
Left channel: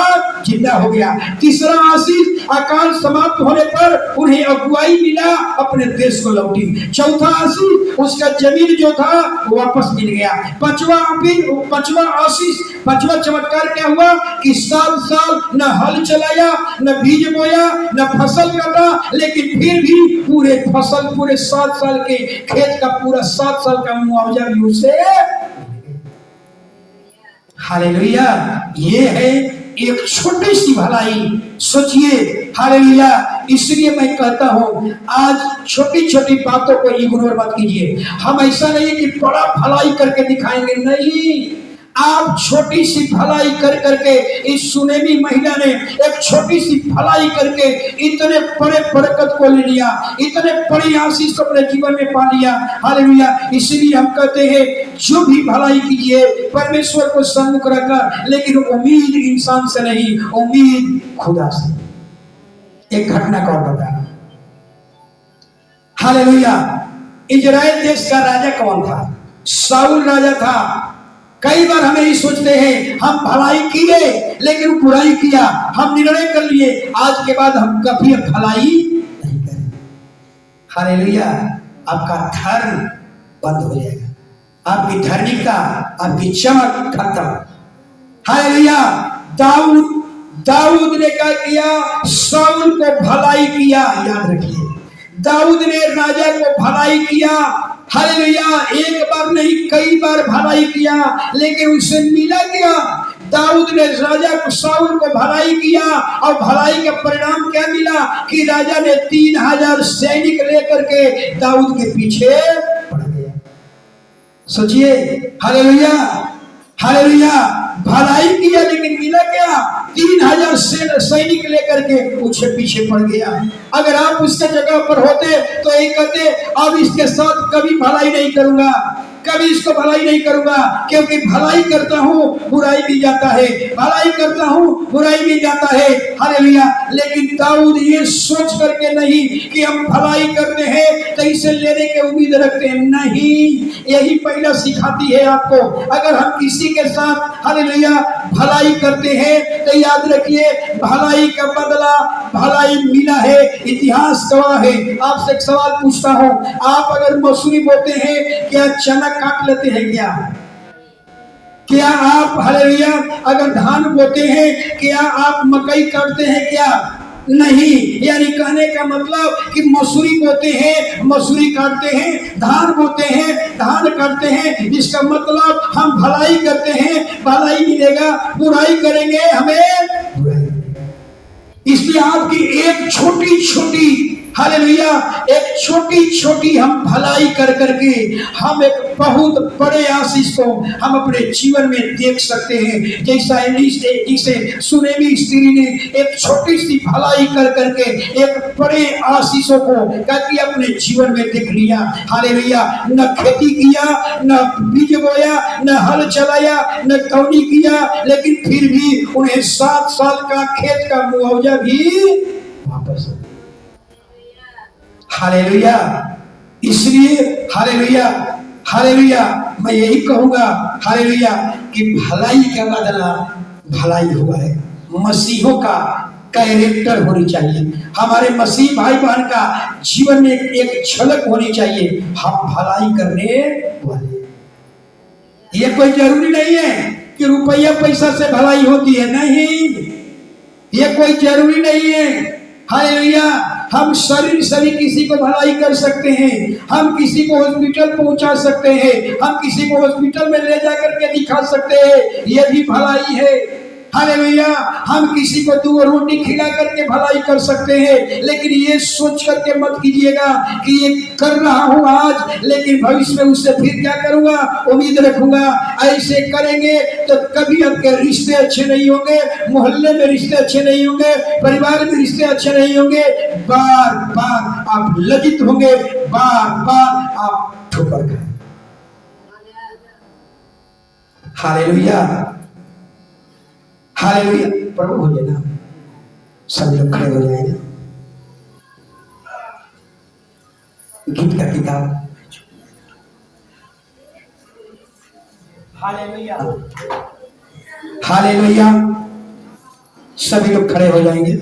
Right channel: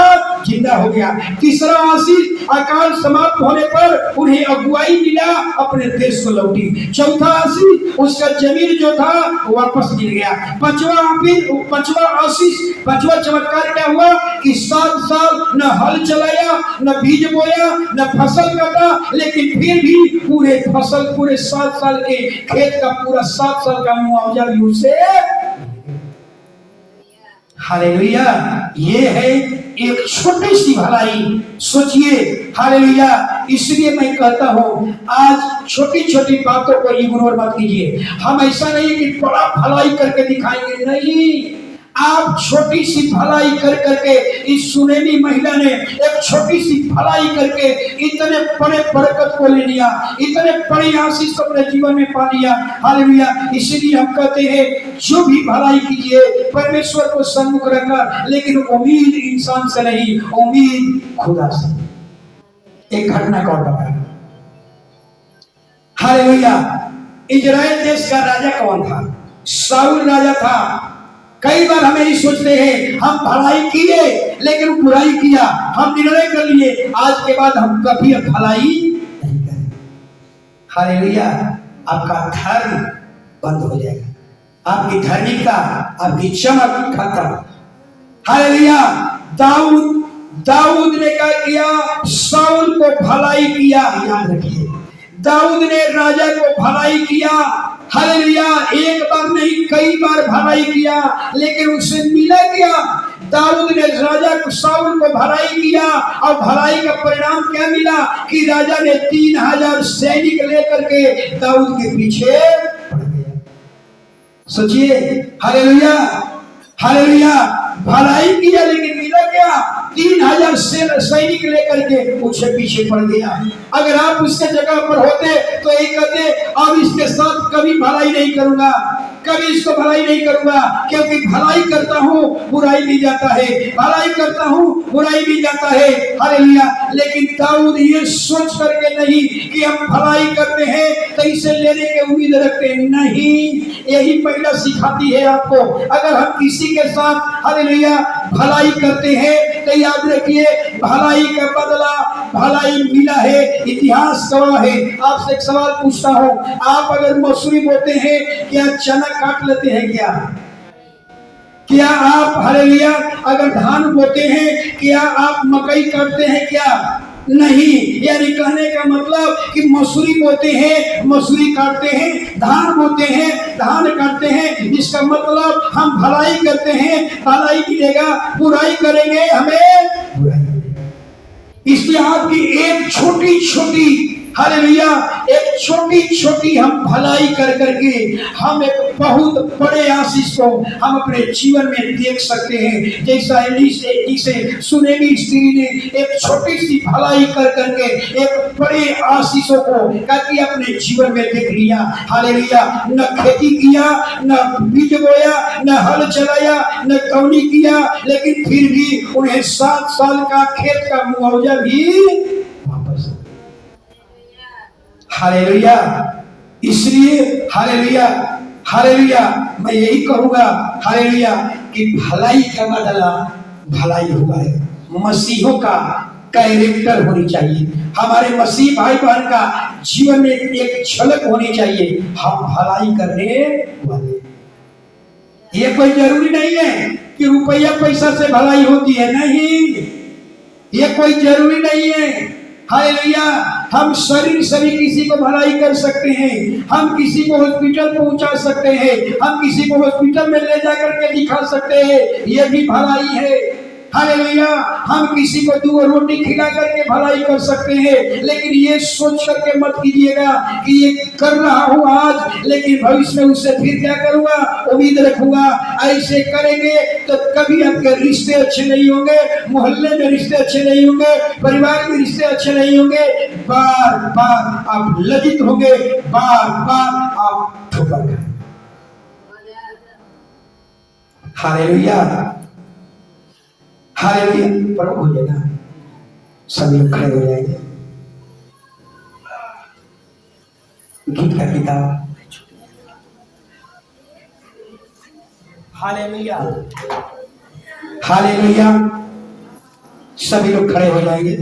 जिंदा हो गया, तीसरा आशीष अकाल समाप्त होने पर उन्हें अगुवाई मिला, अपने देश को लौटी, चौथा आशीष उसका जमीन जो था वापस मिल गया, पांचवा आशीष, 5वां चमत्कार क्या हुआ कि 7 साल न हल चलाया, न बीज बोया, न फसल कटा, लेकिन फिर भी पूरे 7 साल के खेत का पूरा 7 साल का मुआवजा भी उसे। हालेलुया, ये है एक छोटी सी भलाई। सोचिए हालेलुया। इसलिए मैं कहता हूं आज छोटी छोटी बातों को इग्नोर मत कीजिए। हम ऐसा नहीं कि बड़ा भलाई करके दिखाएंगे, नहीं, आप छोटी सी भलाई कर करके, इस सुनेमी महिला ने एक छोटी सी भलाई करके इतने बड़े बरकत को ले लिया, इतने बड़ी आशीष अपने जीवन में पा लिया। हालेलुया। इसीलिए हम कहते हैं जो भी भलाई कीजिए परमेश्वर को सन्मुख रखकर, लेकिन उम्मीद इंसान से नहीं, उम्मीद खुदा से। एक घटना का और बता। हालेलुया। इजराइल देश का राजा कौन था? शाऊल राजा था। कई बार हमें ही सोचते हैं हम भलाई किए लेकिन बुराई किया, हम निर्णय कर लिए आज के बाद हम कभी भलाई नहीं करेंगे। हालेलुया। आपका धर्म बंद हो जाएगा, आपकी धार्मिकता, आपकी चमक खत्म। हालेलुया। दाऊद ने क्या किया? शाऊल को भलाई किया। याद रखिए, दाऊद ने राजा को भलाई किया। हालेलुया। एक बार नहीं कई बार भलाई किया, लेकिन उसे मिला क्या? दाऊद ने राजा को शाऊल को भलाई किया, और भलाई का परिणाम क्या मिला कि राजा ने 3000 सैनिक लेकर के दाऊद के पीछे पड़ गया। सोचिए हालेलुया हालेलुया। भलाई किया लेकिन मिला क्या? 3000 सैनिक लेकर के उसके पीछे पड़ गया। अगर आप उसके जगह पर होते तो यही कहते अब इसके साथ कभी भलाई नहीं करूंगा, कभी इसको भलाई नहीं करूंगा, क्योंकि भलाई करता हूं बुराई भी जाता है, भलाई करता हूं बुराई भी जाता है। हालेलुया। लेकिन दाऊद ये सोच करके नहीं कि हम भलाई करते हैं तो इसे लेने की उम्मीद रखते हैं, नहीं। यही पहला सिखाती है आपको, अगर हम किसी के साथ हालेलुया भलाई करते हैं तो याद रखिए भलाई का बदला भलाई मिला है। इतिहास गवाह है। आपसे एक सवाल पूछता हूं, आप अगर मसूरी बोते हैं क्या चना काट लेते हैं क्या? क्या आप हालेलुया अगर धान बोते हैं क्या आप मकई काटते हैं क्या? नहीं। यानी कहने का मतलब कि मसूरी बोते हैं मसूरी काटते हैं, धान बोते हैं धान काटते हैं। इसका मतलब हम भलाई करते हैं भलाई मिलेगा, बुराई करेंगे हमें बुराई। इसलिए आपकी एक छोटी छोटी हालेलुया एक छोटी छोटी हम भलाई कर करके हम एक बहुत बड़े आशीष को हम अपने जीवन में देख सकते हैं। जैसा जिसे सुनेमी स्त्री ने एक छोटी सी भलाई कर करके एक बड़े आशीषों को कि अपने जीवन में देख लिया। हालेलुया न खेती किया, न बीज बोया, न हल चलाया, न कौनी किया, लेकिन फिर भी उन्हें 7 साल का खेत का मुआवजा भी वापस। हालेलुया। इसलिए हालेलुया हालेलुया मैं यही कहूंगा हालेलुया कि भलाई का बदला भलाई हुआ है। मसीहों का कैरेक्टर होनी चाहिए, हमारे मसीह भाई बहन का जीवन में एक झलक होनी चाहिए। हम भलाई करने वाले। ये कोई जरूरी नहीं है कि रुपया पैसा से भलाई होती है, नहीं, ये कोई जरूरी नहीं है। हालेलुया हम शरीर से भी किसी को भलाई कर सकते हैं, हम किसी को हॉस्पिटल पहुंचा सकते हैं, हम किसी को हॉस्पिटल में ले जा करके दिखा सकते हैं, ये भी भलाई है। हालेलुया हम किसी को 2 रोटी खिला करके भलाई कर सकते हैं। लेकिन ये सोच करके मत कीजिएगा कि ये कर रहा हूं आज लेकिन भविष्य में उससे फिर क्या करूंगा, उम्मीद रखूंगा। ऐसे करेंगे तो कभी आपके रिश्ते अच्छे नहीं होंगे, मोहल्ले में रिश्ते अच्छे नहीं होंगे, परिवार में रिश्ते अच्छे नहीं होंगे। बार बार आप लज्जित होंगे, बार बार आप ठोकर खाएंगे। हालेलुया हालेलुया प्रभु हो जाएगा। सभी लोग खड़े हो जाएंगे। गीत का किताब हालेलुया हालेलुया सभी लोग खड़े हो जाएंगे।